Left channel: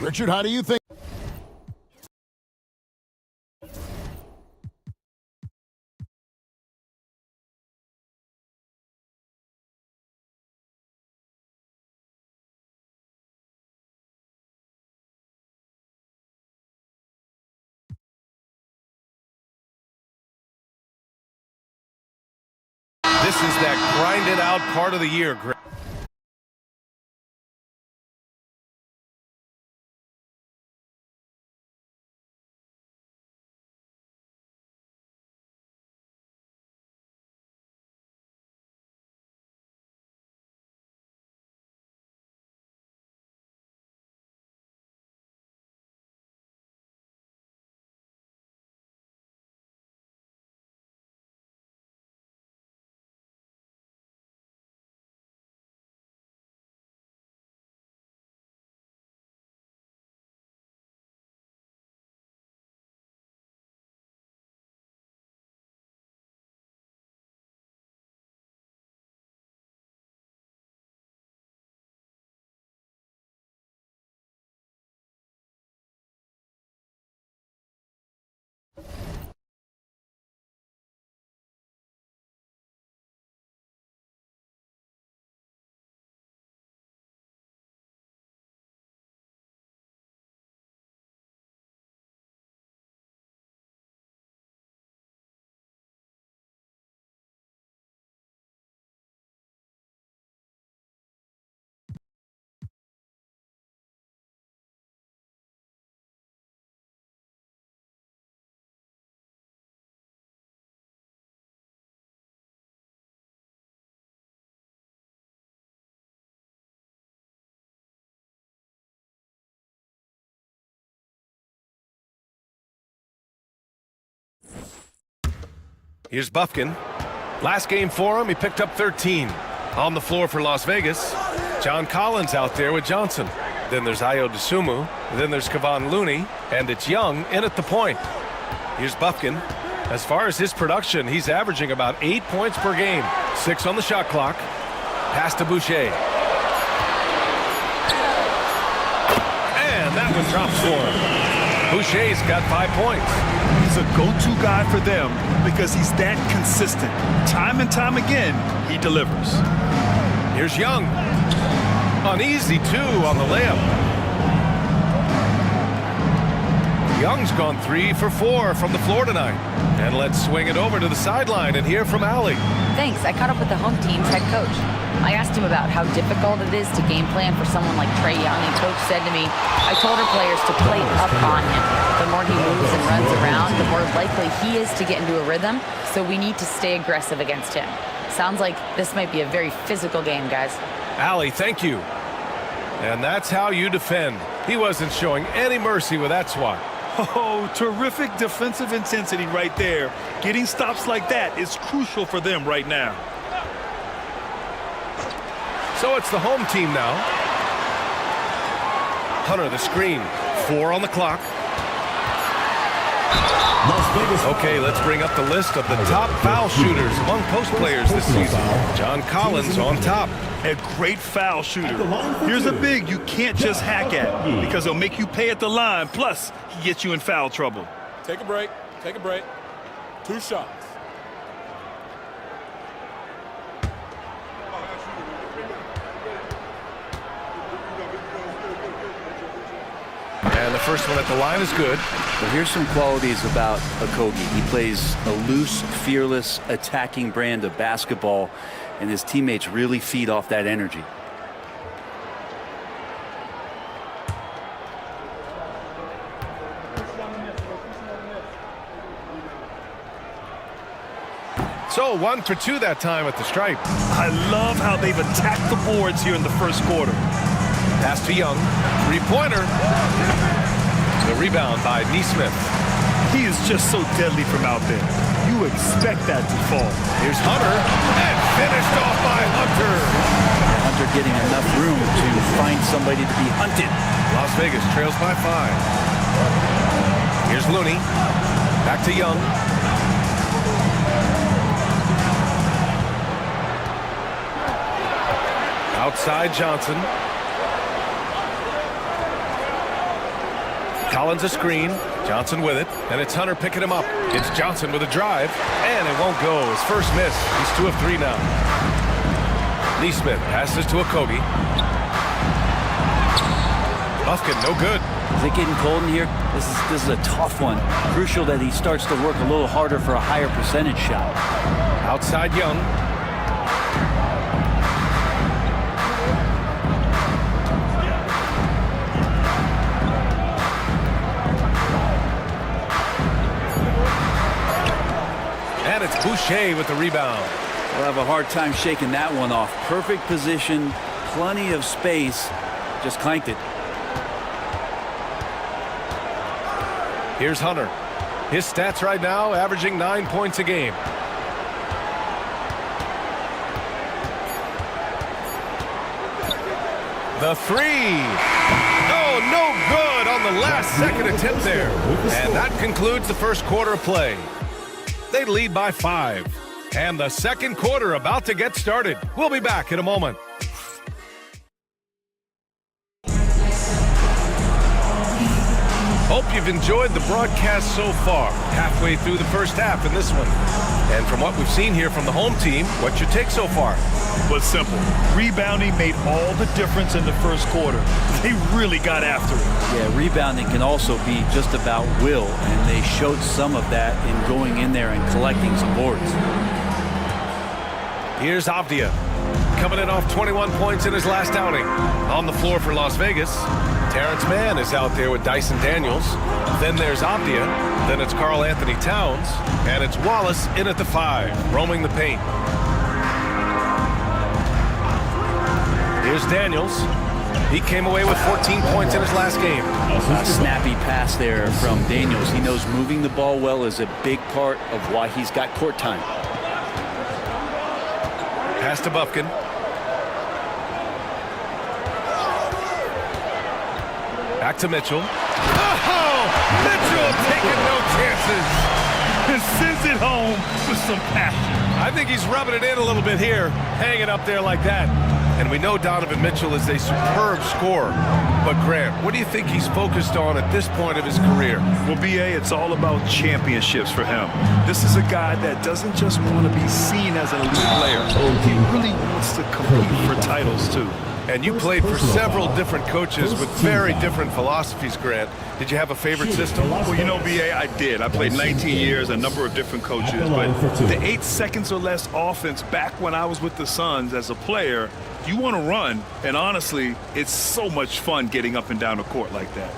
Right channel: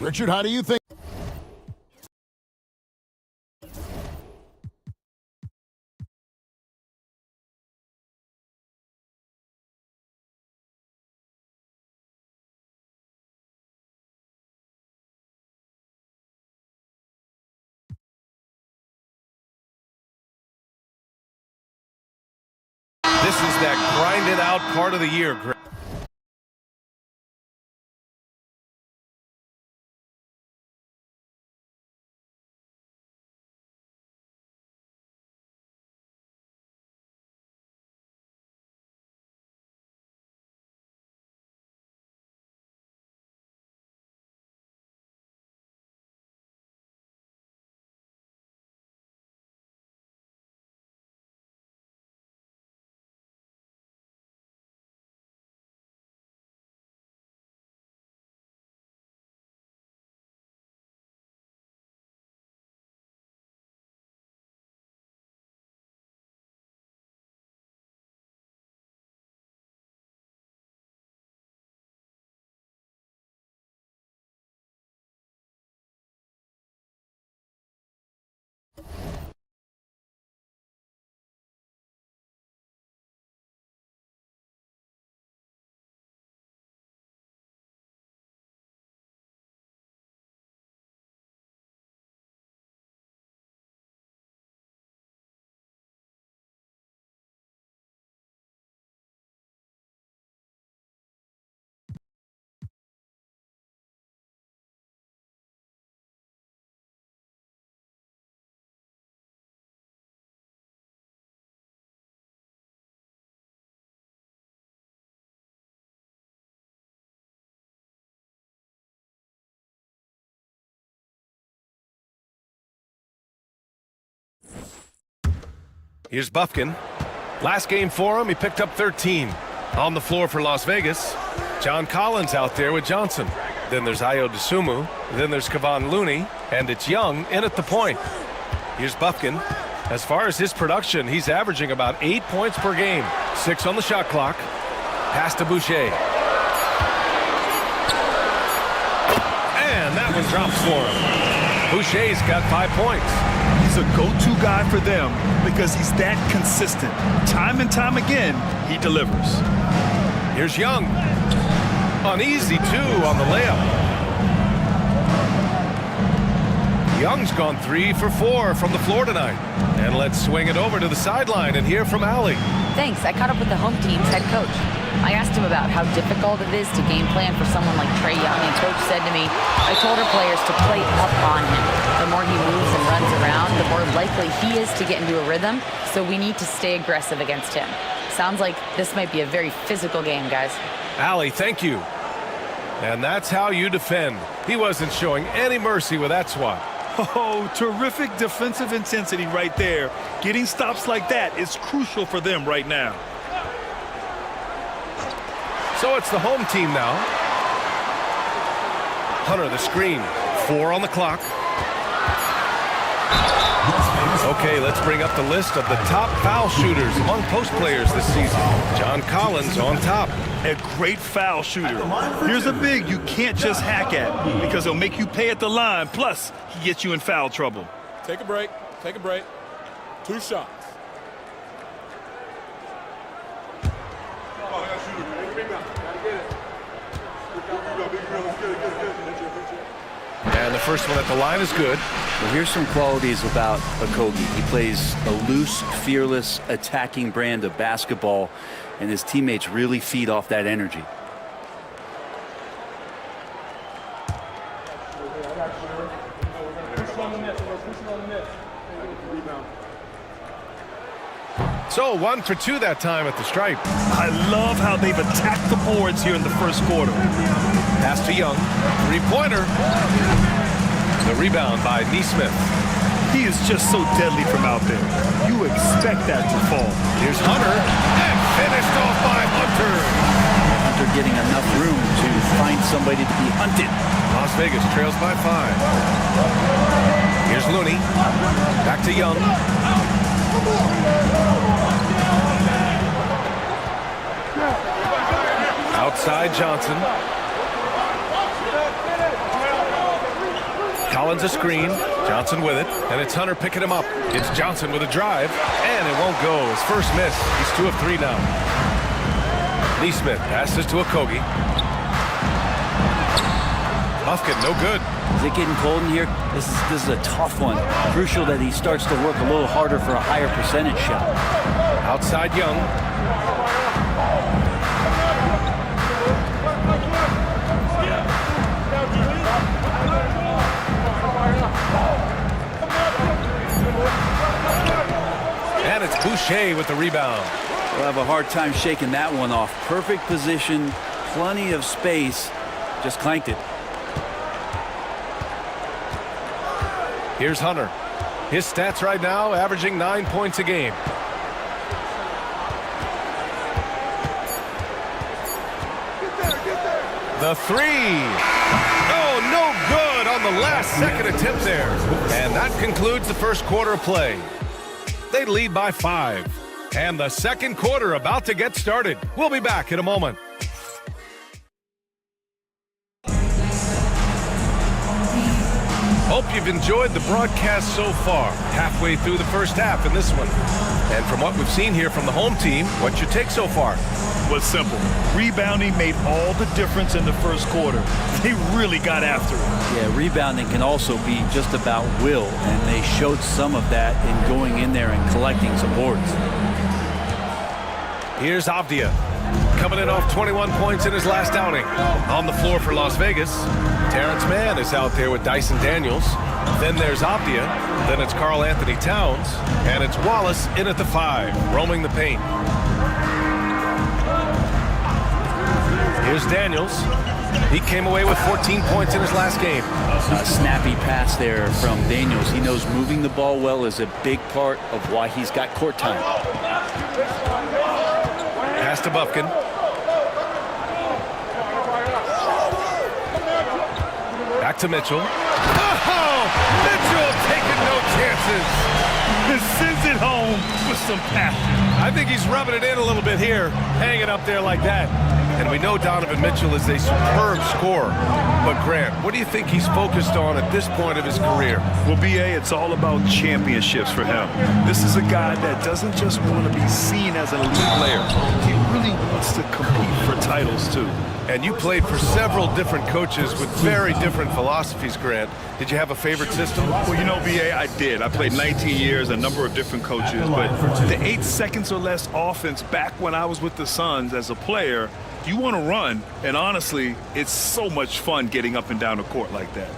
Richard, how do you think? This is that grinded out part of the year, Greg. Here's Buffkin. Last game for him, he picked up 13. On the floor for Las Vegas, John Collins out there with Johnson. Then there's Ayo Dosunmu. Then there's Kevon Looney. And it's Young in at the point. Here's Buffkin. As far as his production, he's averaging about 8 points per game. 6 on the shot clock. Pass to Boucher. And that one drops for him. Boucher's got 5 points. He's a go-to guy for them because he's that consistent. Time and time again, he delivers. Here's Young. An easy 2 on the layup. Young's gone 3 for 4 from the floor tonight. And let's swing it over to the sideline and hear from Allie. Thanks. I caught up with the home team's head coach. I asked him about how difficult it is to game plan for someone like Trae Young, and Coach said to me, I told our players to play up on him. The more he moves and runs around, the more likely he is to get into a rhythm, so we need to stay aggressive against him. Sounds like this might be a very physical game, guys. Allie, thank you. And that's how you defend. He wasn't showing any mercy with that swat. Oh, terrific defensive intensity right there. Getting stops like that is crucial for them right now. So it's the home team now. Hunter, the screen. 4 on the clock. Okay, let's bring up the list of the top foul shooters among post players this season. John Collins on top. A great foul shooter. Here's a big you can't just hack at because he'll make you pay at the line. Plus, he gets you in foul trouble. Take a break. Take a break. 2 shots. And the first one at the line is good. Well, here's some qualities about Okogie. He plays a loose, fearless, attacking brand of basketball, and his teammates really feed off that energy. So 1 for 2 that time at the stripe. I love how they've attacked the boards here in the first quarter. Pass to Young. Three-pointer. The rebound by Neesmith. He is just so deadly from out there. You expect that to fall. Here's Hunter. And finished off by Hunter. Yeah, Hunter getting enough room to find somebody to be hunted. Las Vegas trails by 5. Here's Looney. Back to Young. Outside Johnson. Collins a screen. Johnson with it. And it's Hunter picking him up. It's Johnson with a drive. And it won't go. His first miss. He's 2 of 3 now. Neesmith passes to Okogie. Buffkin, no good. Is it getting cold in here? This is a tough one. Crucial that he starts to work a little harder for a higher percentage shot. Outside Young. And it's Boucher with the rebound. We'll have a hard time shaking that one off. Perfect position, plenty of space. Just clanked it. Here's Hunter. His stats right now averaging 9 points a game. The three. Oh, no good on the last second attempt there. And that concludes the first quarter of play. They lead by 5. And the second quarter about to get started. We'll be back in a moment. Hope you've enjoyed the broadcast so far. Halfway through the first half in this one. And from what we've seen here from the home team, what's your take so far? Was simple. Rebounding made all the difference in the first quarter. They really got after it. Yeah, rebounding can also be just about will, and they showed some of that in going in there and collecting some boards. Here's Avdia, coming in off 21 points in his last outing. On the floor for Las Vegas, Terrence Mann is out there with Dyson Daniels. Then there's Avdia. Then it's Karl Anthony Towns. And it's Wallace in at the 5, roaming the paint. Here's Daniels. He came away with 14 points in his last game. A snappy pass there from Daniels. He knows moving the ball well is a big part of why he's got court time. Pass to Buffkin. Back to Mitchell. Oh! Mitchell taking no chances. Sends it home with some passion. I think he's rubbing it in a little bit here, hanging up there like that. And we know Donovan Mitchell is a superb scorer. But Grant, what do you think he's focused on at this point of his career? Well, B.A., it's all about championships for him. This is a guy that doesn't just want to be seen as an elite player. He really wants to compete for titles, too. And you played for several different coaches with very different philosophies, Grant. Did you have a favorite system? Well, you know, B.A., I did. I played 19 years, a number of different coaches. But the 8 seconds or less offense back when I was with the Suns as a player, you want to run. And honestly, it's so much fun getting up and down the court like that.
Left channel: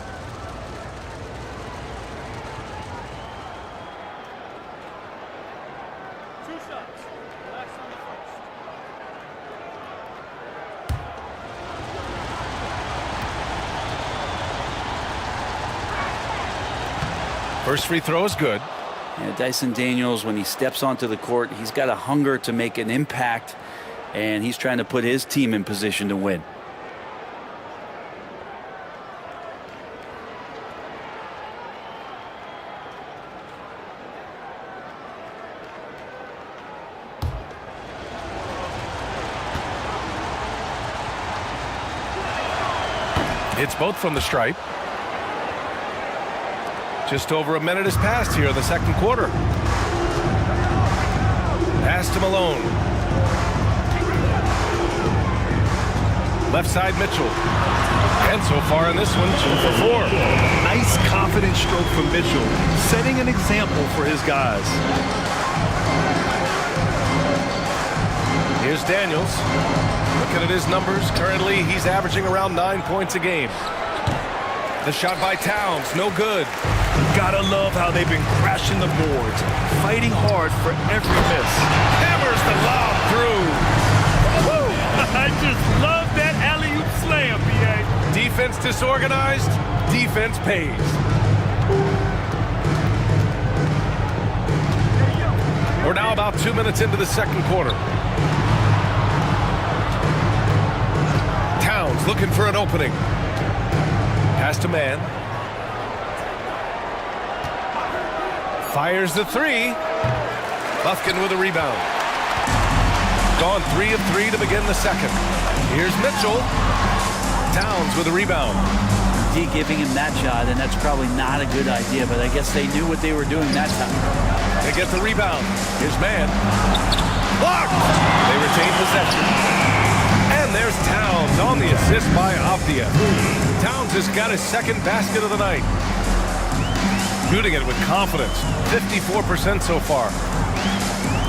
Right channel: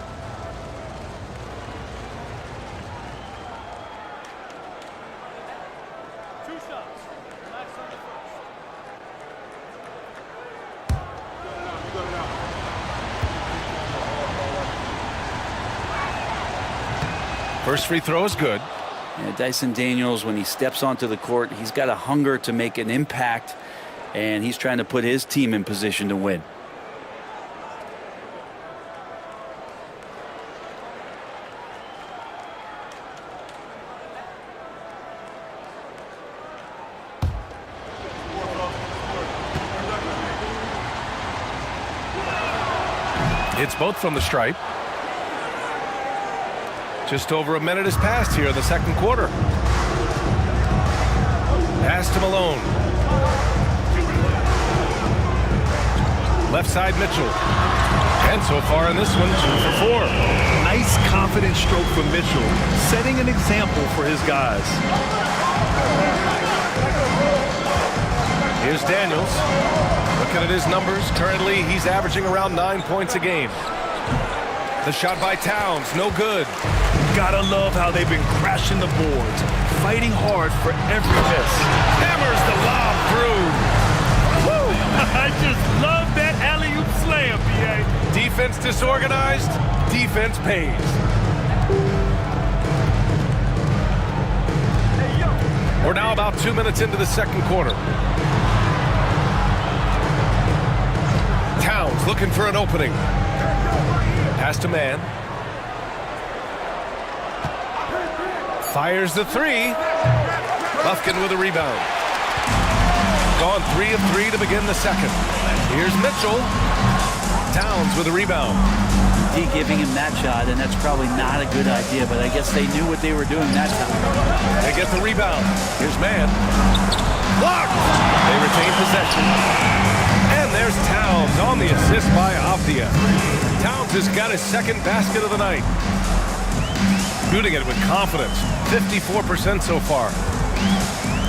First free throw is good. Yeah, Dyson Daniels, when he steps onto the court, he's got a hunger to make an impact, and he's trying to put his team in position to win. It's both from the stripe. Just over a minute has passed here in the second quarter. Pass to Malone. Left side Mitchell. And so far in this one, 2 for 4. Nice, confident stroke from Mitchell, setting an example for his guys. Here's Daniels. Looking at his numbers, currently he's averaging around 9 points a game. The shot by Towns, no good. Gotta love how they've been crashing the boards, fighting hard for every miss. Hammers the lob through. Woo! I just love that alley-oop slam, B.A. Defense disorganized, defense pays. We're now about 2 minutes into the second quarter. Towns looking for an opening. Pass to man. Fires the three. Lufkin with a rebound. Gone 3 of 3 to begin the second. Here's Mitchell. Towns with a rebound. D giving him that shot, and that's probably not a good idea, but I guess they knew what they were doing that time. They get the rebound. Here's man. Blocked. They retain possession. And there's Towns on the assist by Avdia. Towns has got his second basket of the night. Shooting it with confidence. 54% so far.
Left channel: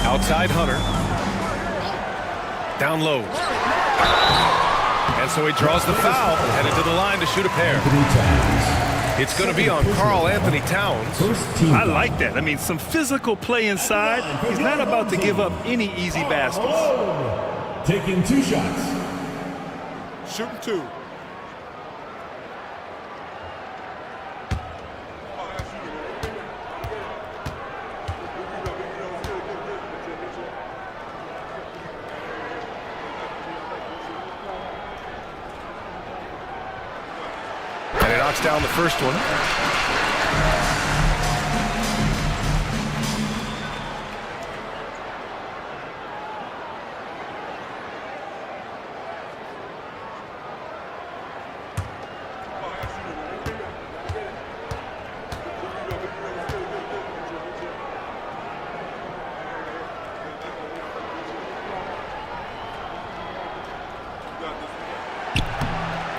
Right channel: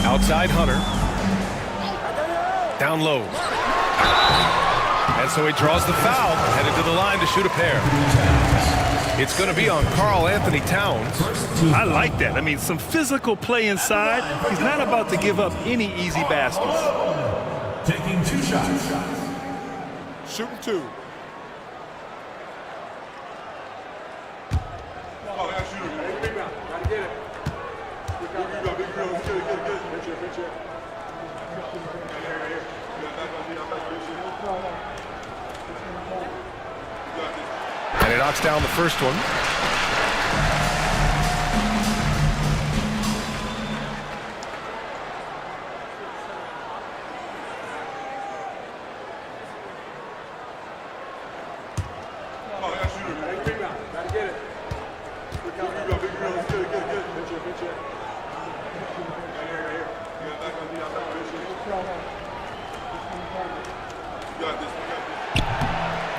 Outside Hunter. Down low. And so he draws the foul. Headed to the line to shoot a pair. It's going to be on Karl Anthony Towns. I like that. I mean, some physical play inside. He's not about to give up any easy baskets. Taking 2 shots. Shooting 2. And he knocks down the first one.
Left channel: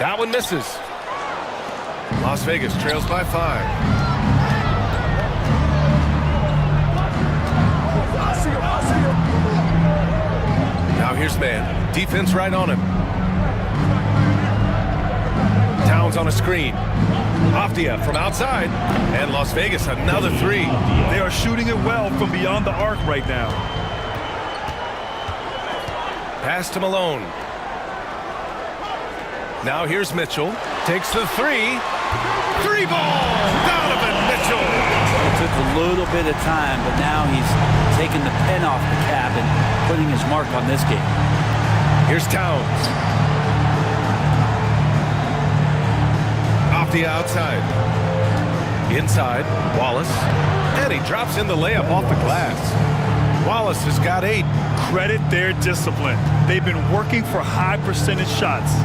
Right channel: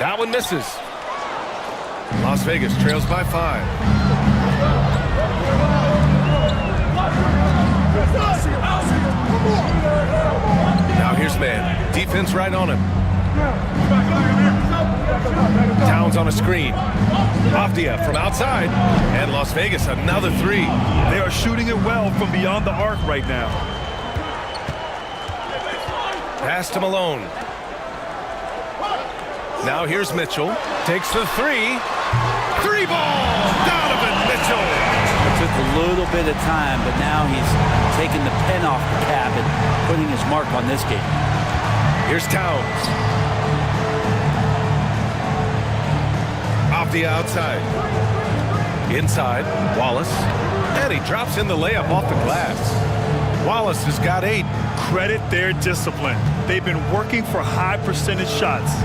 That one misses. Las Vegas trails by 5. Now here's man. Defense right on him. Towns on a screen. Avdia from outside. And Las Vegas another 3. They are shooting it well from beyond the arc right now. Pass to Malone. Now here's Mitchell. Takes the 3. 3 ball. Donovan Mitchell. It took a little bit of time, but now he's taking the pen off the cap and putting his mark on this game. Here's Towns. Off the outside. Inside, Wallace. And he drops in the layup off the glass. Wallace has got 8. Credit their discipline. They've been working for high percentage shots.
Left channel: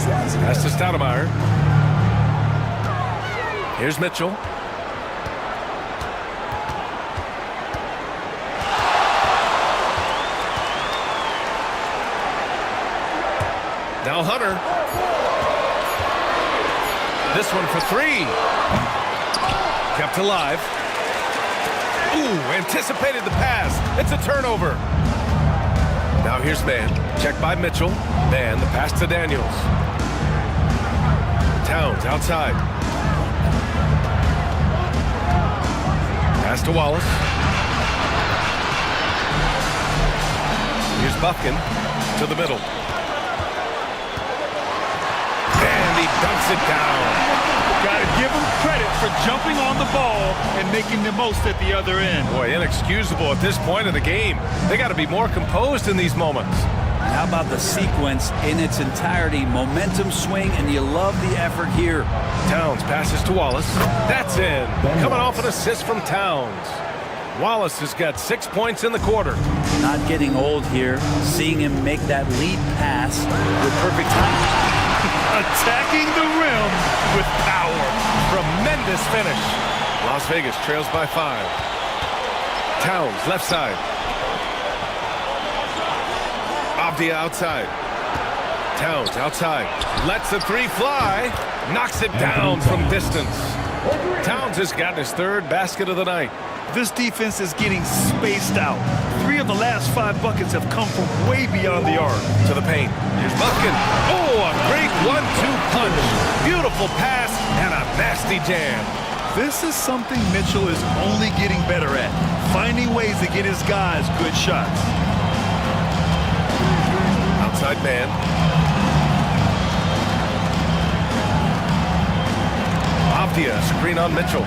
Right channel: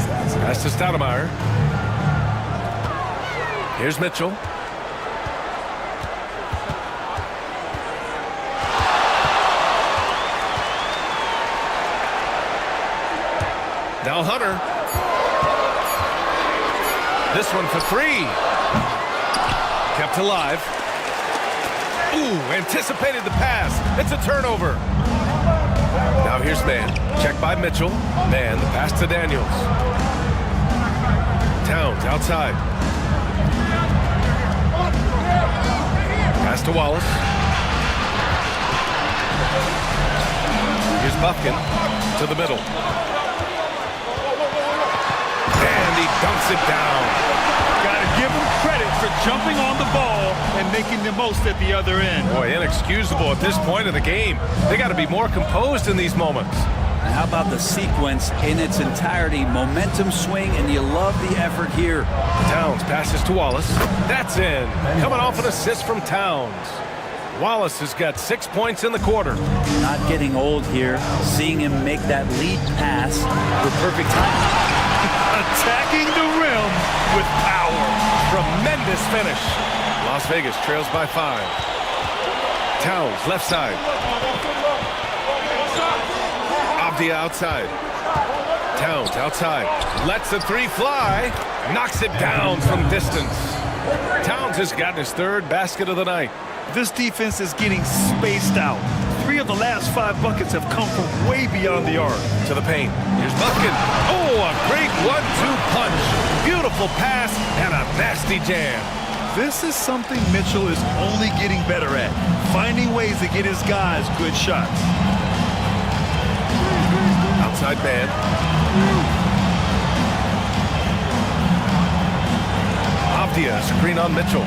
Pass to Stoudemire. Here's Mitchell. Now Hunter. This one for 3. Kept alive. Ooh, anticipated the pass. It's a turnover. Now here's man. Check by Mitchell. Man, the pass to Daniels. Towns outside. Pass to Wallace. Here's Buffkin to the middle. And he dunks it down. Got to give him credit for jumping on the ball and making the most at the other end. Boy, inexcusable at this point of the game. They got to be more composed in these moments. And how about the sequence in its entirety? Momentum swing, and you love the effort here. Towns passes to Wallace. That's in. Coming off an assist from Towns. Wallace has got 6 points in the quarter. Not getting old here. Seeing him make that lead pass with perfect timing. Attacking the rim with power. Tremendous finish. Las Vegas trails by 5. Towns left side. Avdia outside. Towns outside. Lets the three fly. Knocks it down from distance. Towns has gotten his third basket of the night. This defense is getting spaced out. 3 of the last 5 buckets have come from way beyond the arc. To the paint. Here's Buffkin. Oh, a great 1-2 punch. Beautiful pass and a nasty jam. This is something Mitchell is only getting better at, finding ways to get his guys good shots. Outside man. Avdia, screen on Mitchell.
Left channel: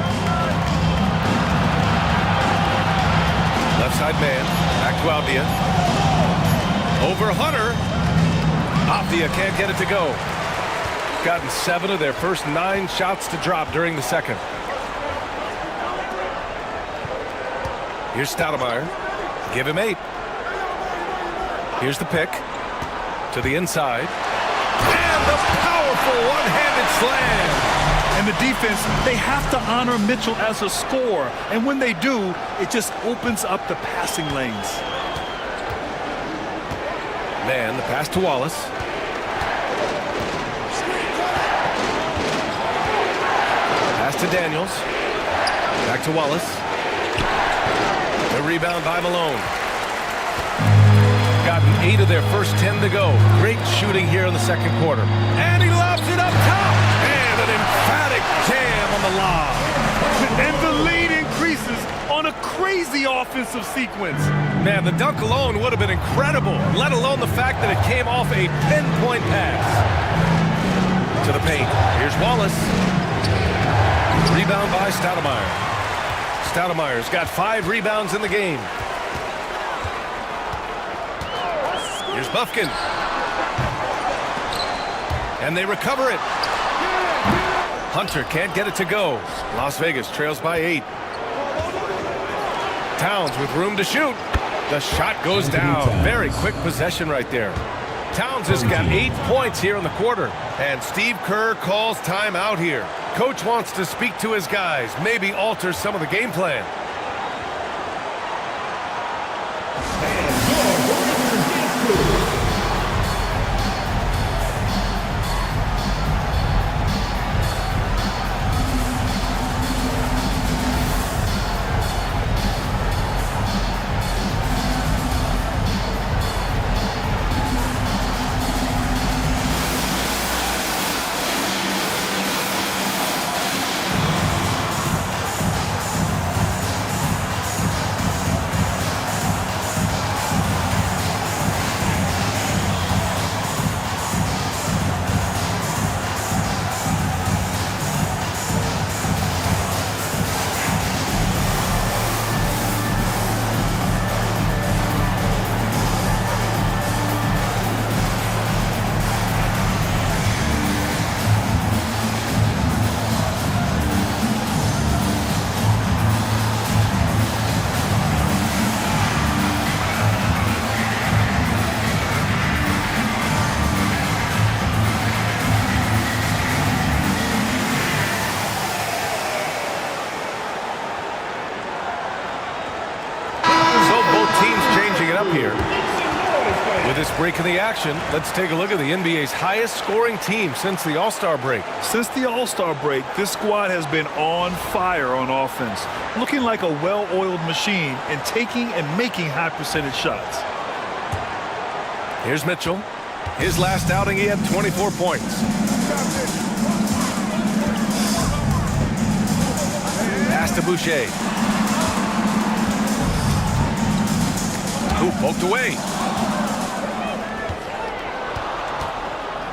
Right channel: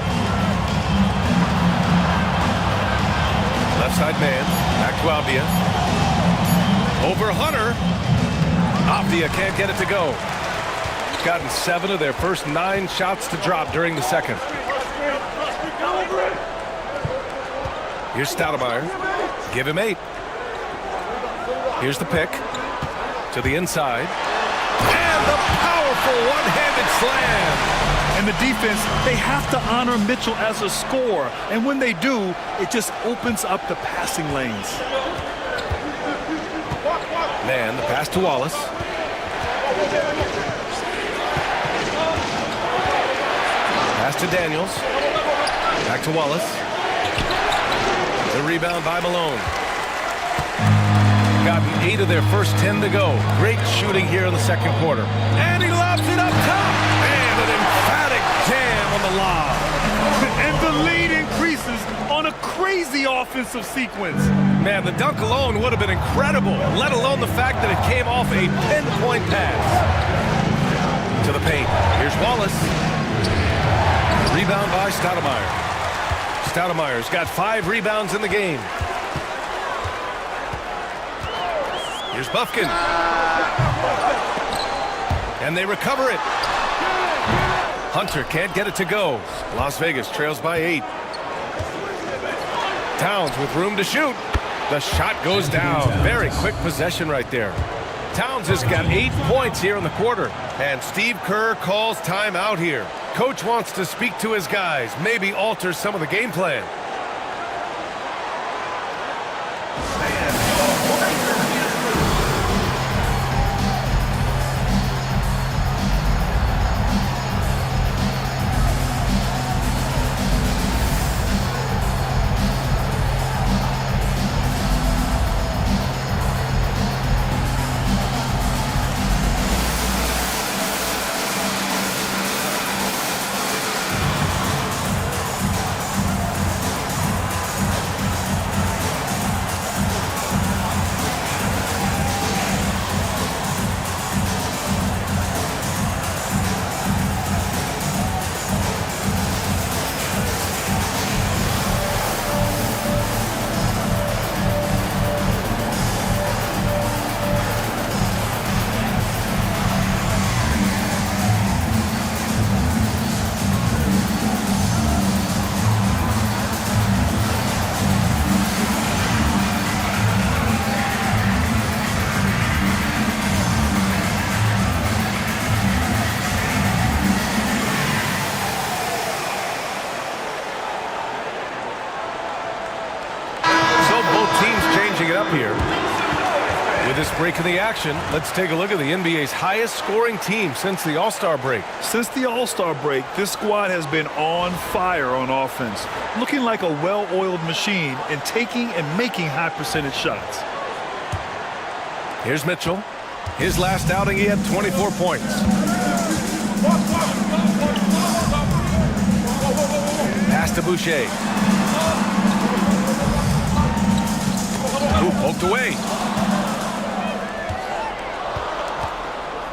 Left side man, back to Avdia. Over Hunter. Avdia can't get it to go. Gotten 7 of their first 9 shots to drop during the second. Here's Stoudemire. Give him 8. Here's the pick. To the inside. And the powerful one-handed slam. And the defense, they have to honor Mitchell as a scorer. And when they do, it just opens up the passing lanes. Man, the pass to Wallace. Pass to Daniels. Back to Wallace. The rebound by Malone. Gotten 8 of their first 10 to go. Great shooting here in the second quarter. And he lobs it up top. And an emphatic jam on the lob. And the lead increases on a crazy offensive sequence. Man, the dunk alone would have been incredible, let alone the fact that it came off a pinpoint pass. To the paint. Here's Wallace. Rebound by Stoudemire. Stoudemire's got 5 rebounds in the game. Here's Buffkin. And they recover it. Hunter can't get it to go. Las Vegas trails by 8. Towns with room to shoot. The shot goes down. Very quick possession right there. Towns has got 8 points here in the quarter. And Steve Kerr calls timeout here. Coach wants to speak to his guys, maybe alter some of the game plan. It up here with this break in the action. Let's take a look at the NBA's highest scoring team since the All-Star break. Since the All-Star break, this squad has been on fire on offense, looking like a well-oiled machine and taking and making high percentage shots. Here's Mitchell. His last outing, he had 24 points. Pass to Boucher. Ooh, poked away.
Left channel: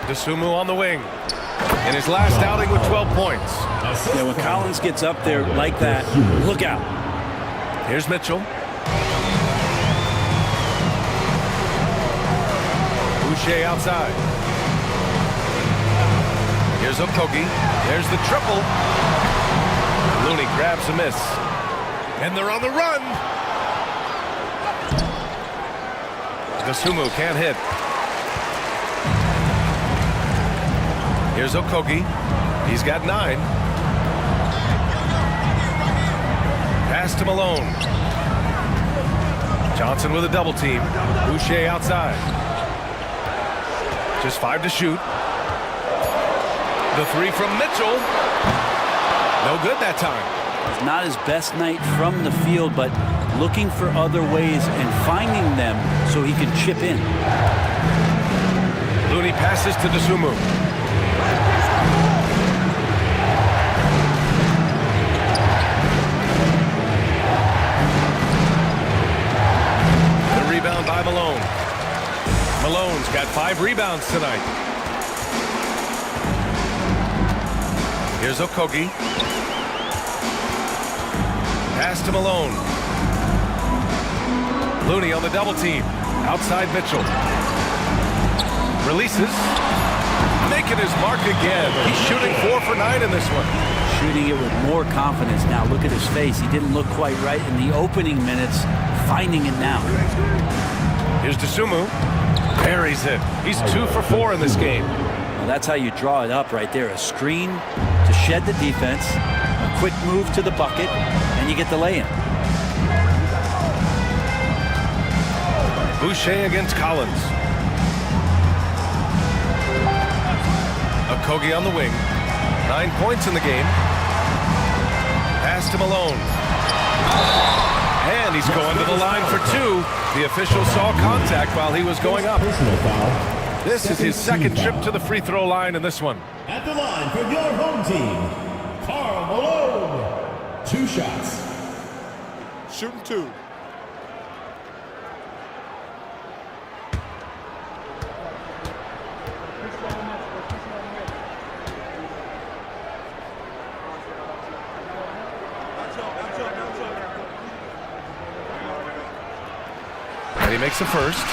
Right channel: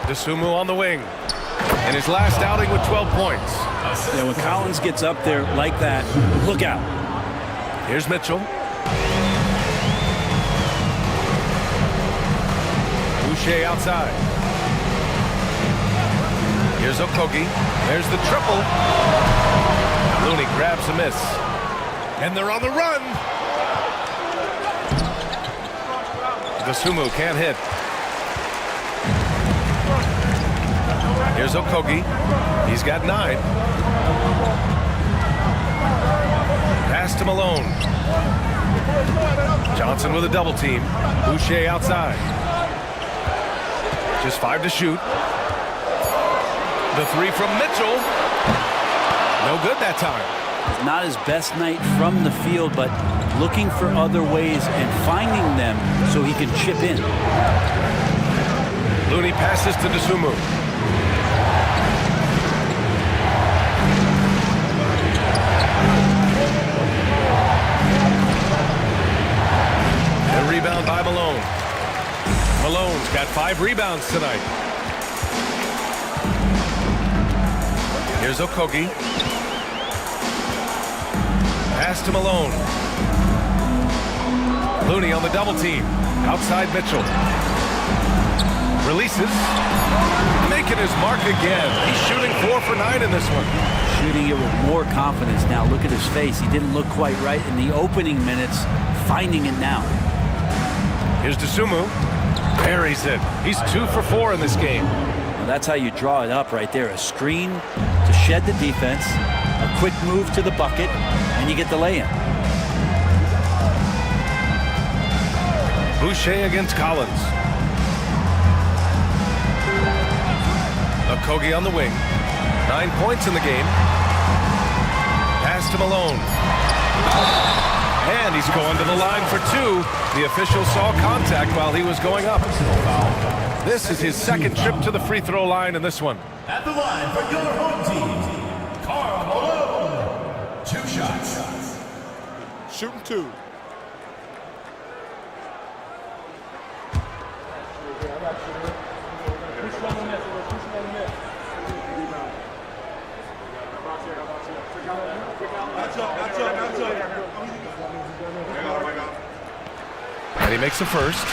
DeSumo on the wing. In his last outing with 12 points. Yeah, when Collins gets up there like that, look out. Here's Mitchell. Boucher outside. Here's Okogie. There's the triple. Looney grabs a miss. And they're on the run. DeSumo can't hit. Here's Okogie. He's got 9. Pass to Malone. Johnson with a double team. Boucher outside. Just 5 to shoot. The 3 from Mitchell. No good that time. It's not his best night from the field, but looking for other ways and finding them so he can chip in. Looney passes to Dosunmu. The rebound by Malone. Malone's got 5 rebounds tonight. Here's Okogie. Pass to Malone. Looney on the double team. Outside Mitchell. Releases. Making his mark again. He's shooting 4 for 9 in this one. Shooting it with more confidence now. Look at his face. He didn't look quite right in the opening minutes. Finding it now. Here's Dosunmu. Buries it. He's 2 for 4 in this game. Well, that's how you draw it up right there. A screen to shed the defense, a quick move to the bucket, and you get the lay-in. Boucher against Collins. Okogie on the wing. 9 points in the game. Pass to Malone. And he's going to the line for 2. The official saw contact while he was going up. Personal foul. This is his second trip to the free throw line in this one. At the line for your home team, Karl Malone. 2 shots. Shooting 2. And he makes the first.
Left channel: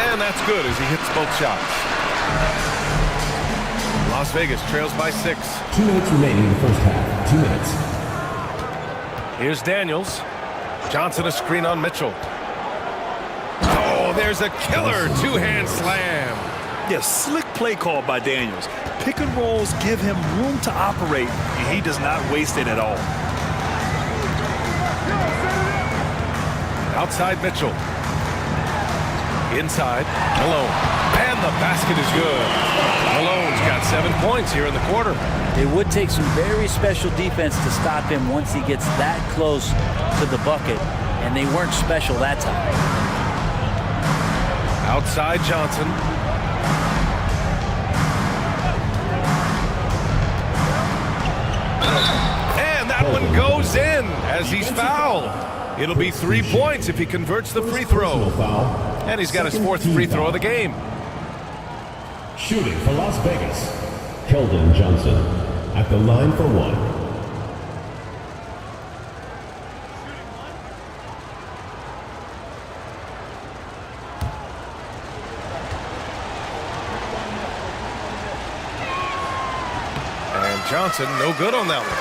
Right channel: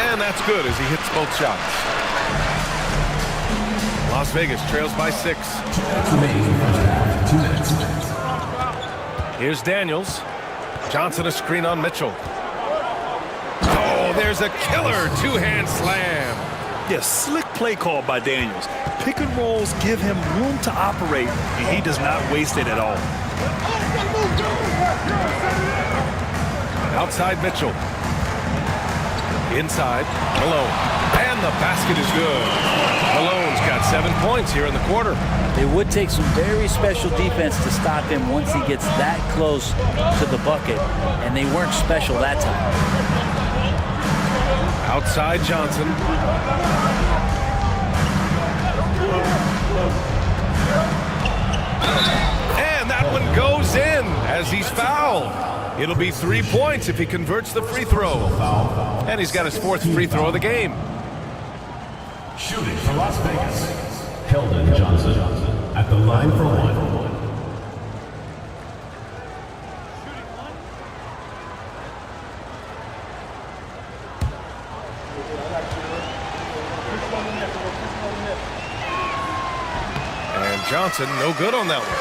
And that's good as he hits both shots. Las Vegas trails by 6. 2 minutes remaining in the first half. 2 minutes. Here's Daniels. Johnson a screen on Mitchell. Oh, there's a killer 2-hand slam. Yeah, slick play call by Daniels. Pick and rolls give him room to operate, and he does not waste it at all. Outside Mitchell. Inside, Malone. And the basket is good. Malone's got 7 points here in the quarter. It would take some very special defense to stop him once he gets that close to the bucket, and they weren't special that time. Outside Johnson. And that one goes in as he's fouled. It'll be 3 points if he converts the free throw. And he's got his 4th free throw of the game. Shooting for Las Vegas, Keldon Johnson. At the line for 1. And Johnson, no good on that one.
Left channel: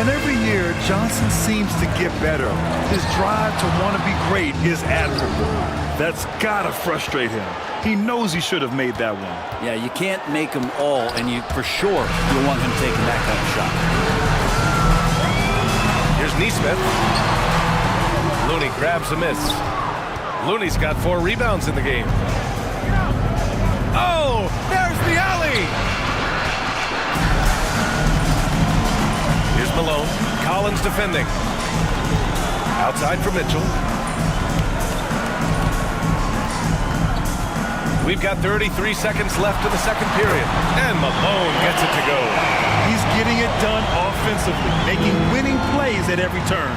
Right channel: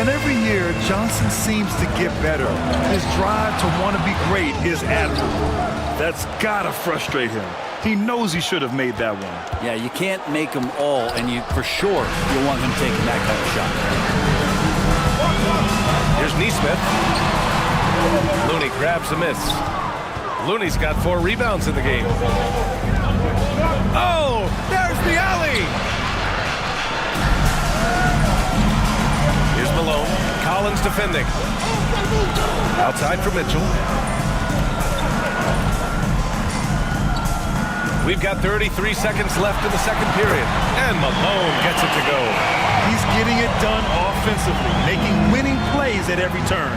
And every year, Johnson seems to get better. His drive to want to be great is admirable. That's gotta frustrate him. He knows he should have made that one. Yeah, you can't make them all, and you for sure you'll want him taking that kind of shot. Here's Nesmith. Looney grabs a miss. Looney's got 4 rebounds in the game. Oh, there's the alley. Here's Malone. Collins defending. Outside for Mitchell. We've got 33 seconds left in the second period. And Malone gets it to go. He's getting it done offensively, making winning plays at every turn.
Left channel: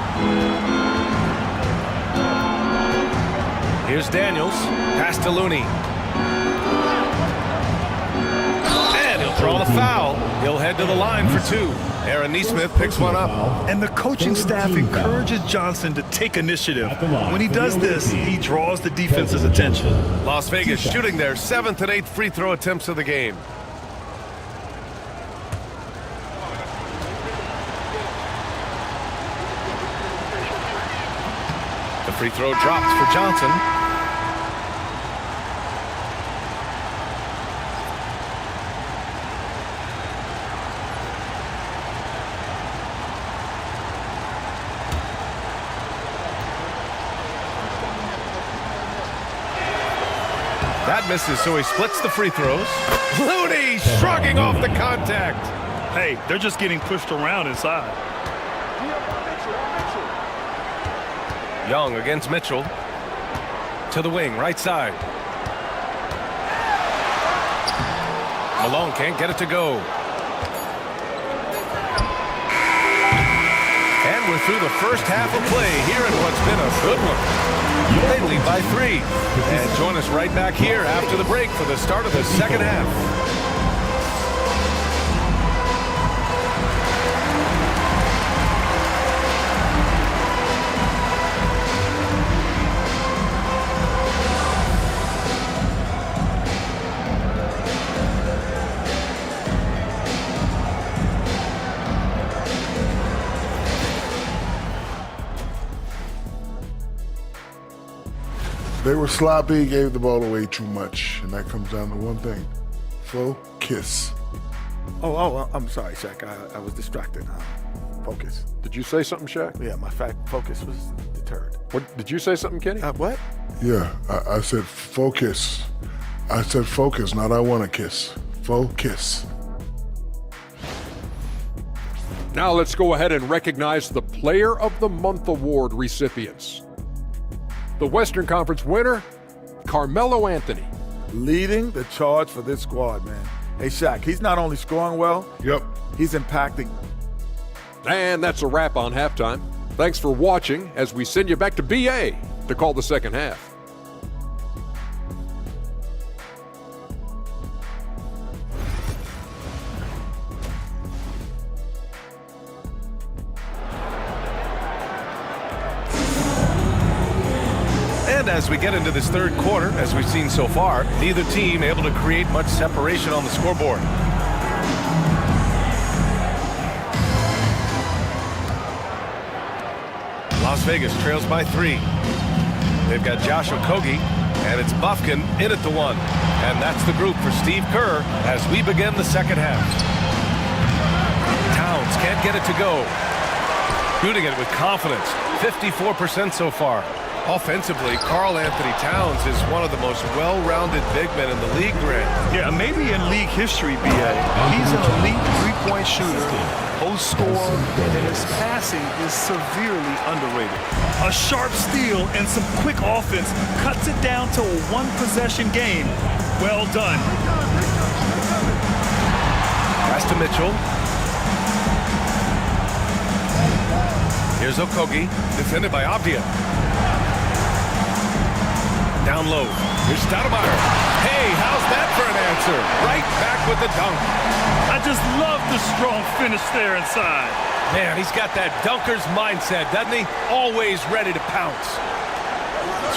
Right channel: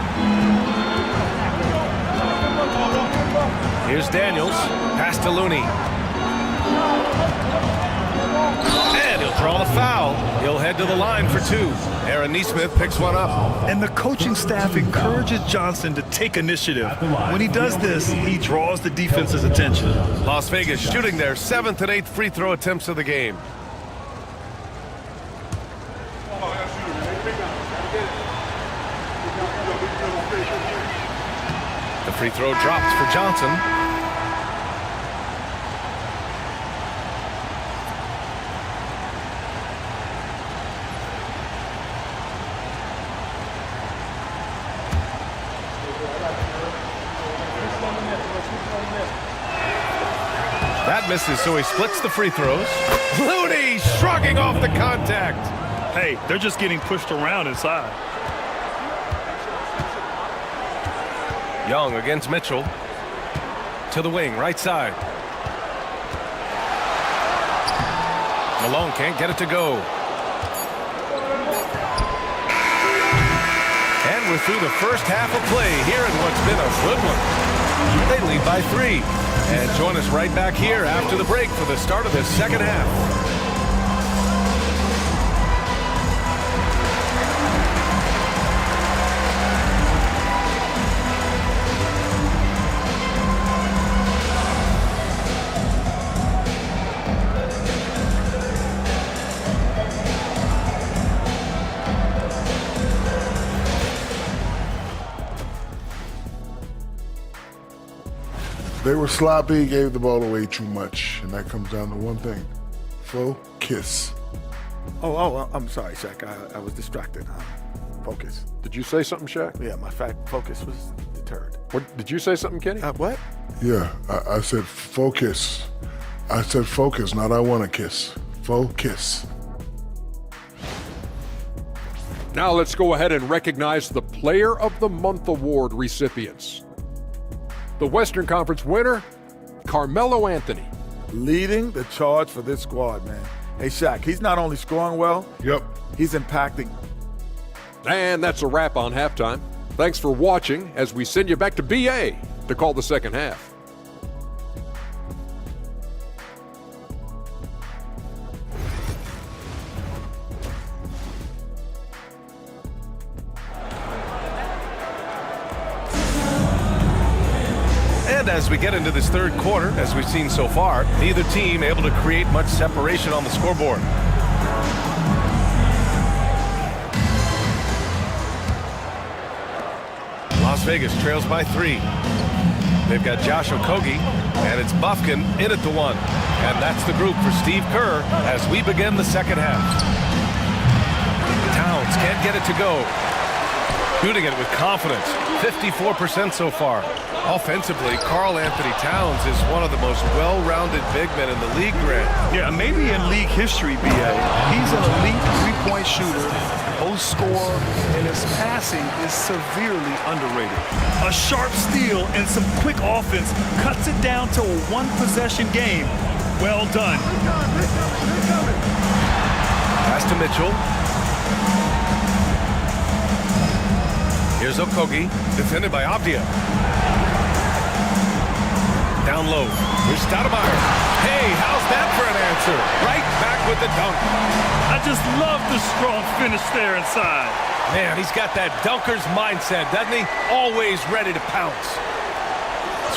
Here's Daniels. Pass to Looney. And he'll draw the foul. He'll head to the line for 2. Aaron Nesmith picks one up. And the coaching staff encourages Johnson to take initiative. When he does this, he draws the defense's attention. Las Vegas shooting their 7th and 8th free throw attempts of the game. The free throw drops for Johnson. That misses, so he splits the free throws. Looney shrugging off the contact. Hey, they're just getting pushed around inside. Young against Mitchell. To the wing, right side. Malone can't get it to go. And we're through the first half of play here in what's been a good one. They lead by 3. And join us right back here after the break for the start of the second half. They were sloppy, gave the ball away too much, and that comes down to one thing: focus. Oh, I'm sorry, Shaq. I was distracted. Focus. Did you say something, Shaq? Yeah, my focus was deterred. What, did you say something, Kenny? What? Yeah, I said focus. I said focus, not I want to kiss. Focus. Now let's go ahead and recognize the Player of the Month Award recipients. The Western Conference winner, Carmelo Anthony. Leading the charge for this squad, man. Hey, Shaq, he's not only scoring well, Yep. he's impacting. And that's a wrap on halftime. Thanks for watching as we send you back to BA to call the second half. And as we get into this third quarter, as we've seen so far, neither team able to create much separation on the scoreboard. Las Vegas trails by 3. They've got Josh Okogie, and it's Bufkin in at the 1. And that's the group for Steve Kerr as we begin the second half. Towns can't get it to go. Shooting it with confidence, 54% so far. Offensively, Karl Anthony Towns is one of the most well-rounded big men in the league, Grant. Yeah, maybe in league history, BA. He's an elite three-point shooter, post scorer, and his passing is severely underrated. A sharp steal and some quick offense cuts it down to a one-possession game. Well done. Pass to Mitchell. Here's Okogie, defended by Abdia. Down low. Here's Stoudemire. Hey, how's that for an answer? Right back with the dunk. I just love the strong finish there inside. Man, he's got that dunker's mindset, doesn't he? Always ready to pounce.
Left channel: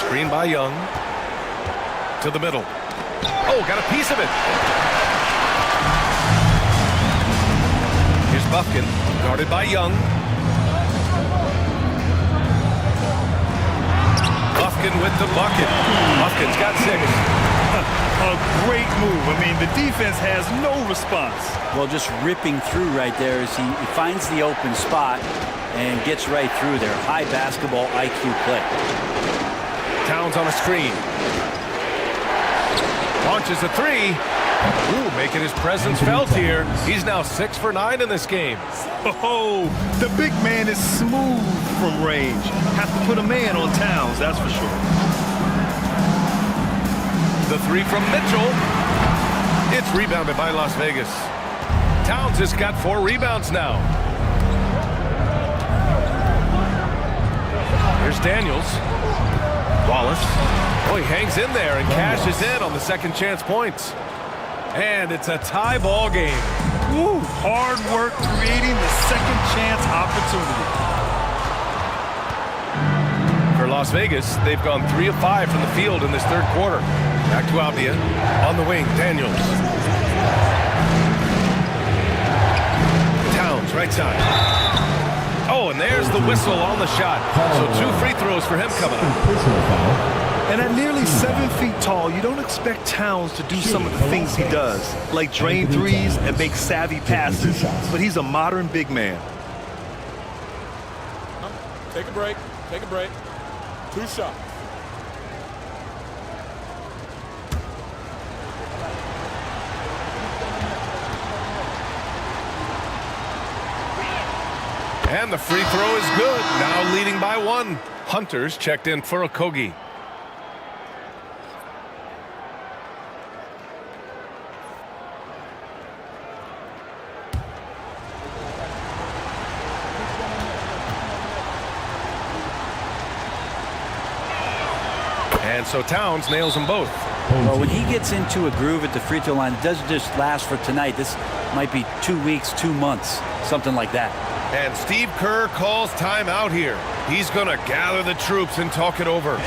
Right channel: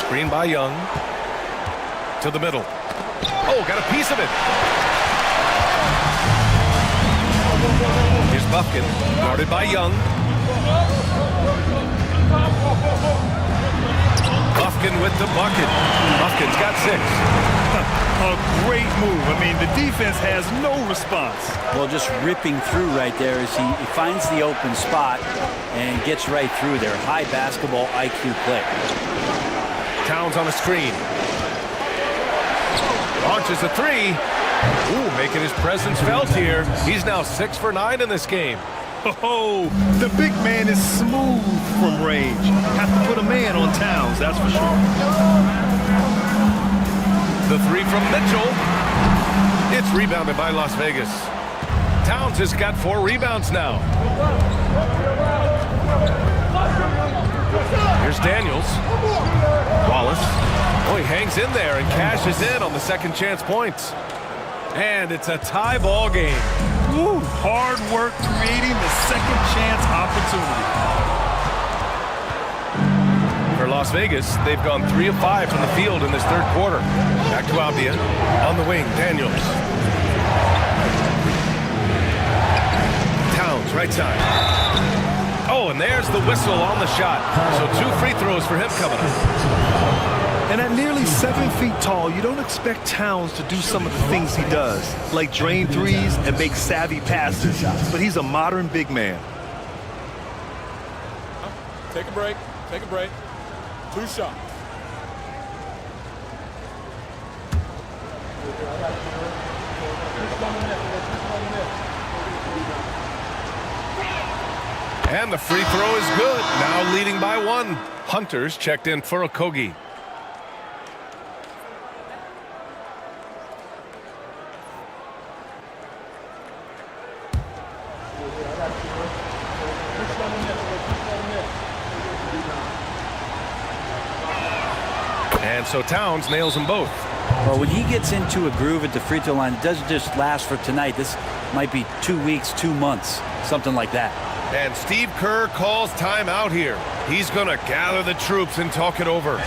Screen by Young. To the middle. Oh, got a piece of it. Here's Bufkin, guarded by Young. Bufkin with the bucket. Bufkin's got 6. A great move. I mean, the defense has no response. Well, just ripping through right there as he finds the open spot and gets right through there. High basketball IQ play. Towns on a screen. Launches a 3. Ooh, making his presence felt here. He's now 6 for 9 in this game. Oh, the big man is smooth from range. Have to put a man on Towns, that's for sure. The 3 from Mitchell. It's rebounded by Las Vegas. Towns has got 4 rebounds now. Here's Daniels. Wallace. Oh, he hangs in there and cashes in on the second chance points. And it's a tie ball game. Woo, hard work creating the second chance opportunity. For Las Vegas, they've gone 3 of 5 from the field in this third quarter. Back to Abdia. On the wing, Daniels. Towns, right side. Oh, and there's the whistle on the shot. So 2 free throws for him coming up. And at nearly 7 feet tall, you don't expect Towns to do some of the things he does, like drain threes and make savvy passes. But he's a modern big man. Take a break. Take a break. 2 shots. And the free throw is good. Now leading by 1. Hunter's checked in for Okogie. And so Towns nails them both. Well, when he gets into a groove at the free throw line, it doesn't just last for tonight. This might be 2 weeks, 2 months, something like that. And Steve Kerr calls timeout here. He's going to gather the troops and talk it over.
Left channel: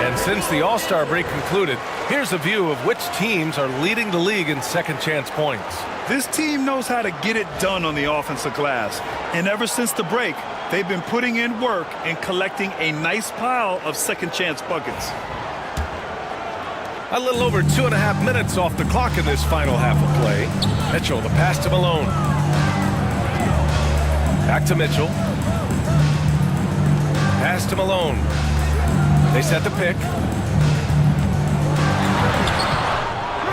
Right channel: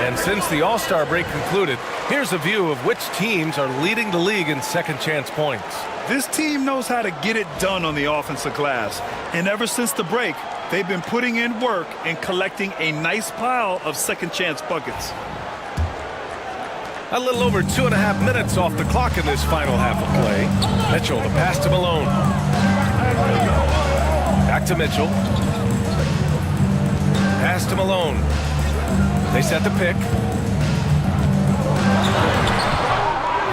And since the All-Star break concluded, here's a view of which teams are leading the league in second chance points. This team knows how to get it done on the offensive glass. And ever since the break, they've been putting in work and collecting a nice pile of second chance buckets. A little over 2.5 minutes off the clock in this final half of play. Mitchell, the pass to Malone. Back to Mitchell. Pass to Malone. They set the pick.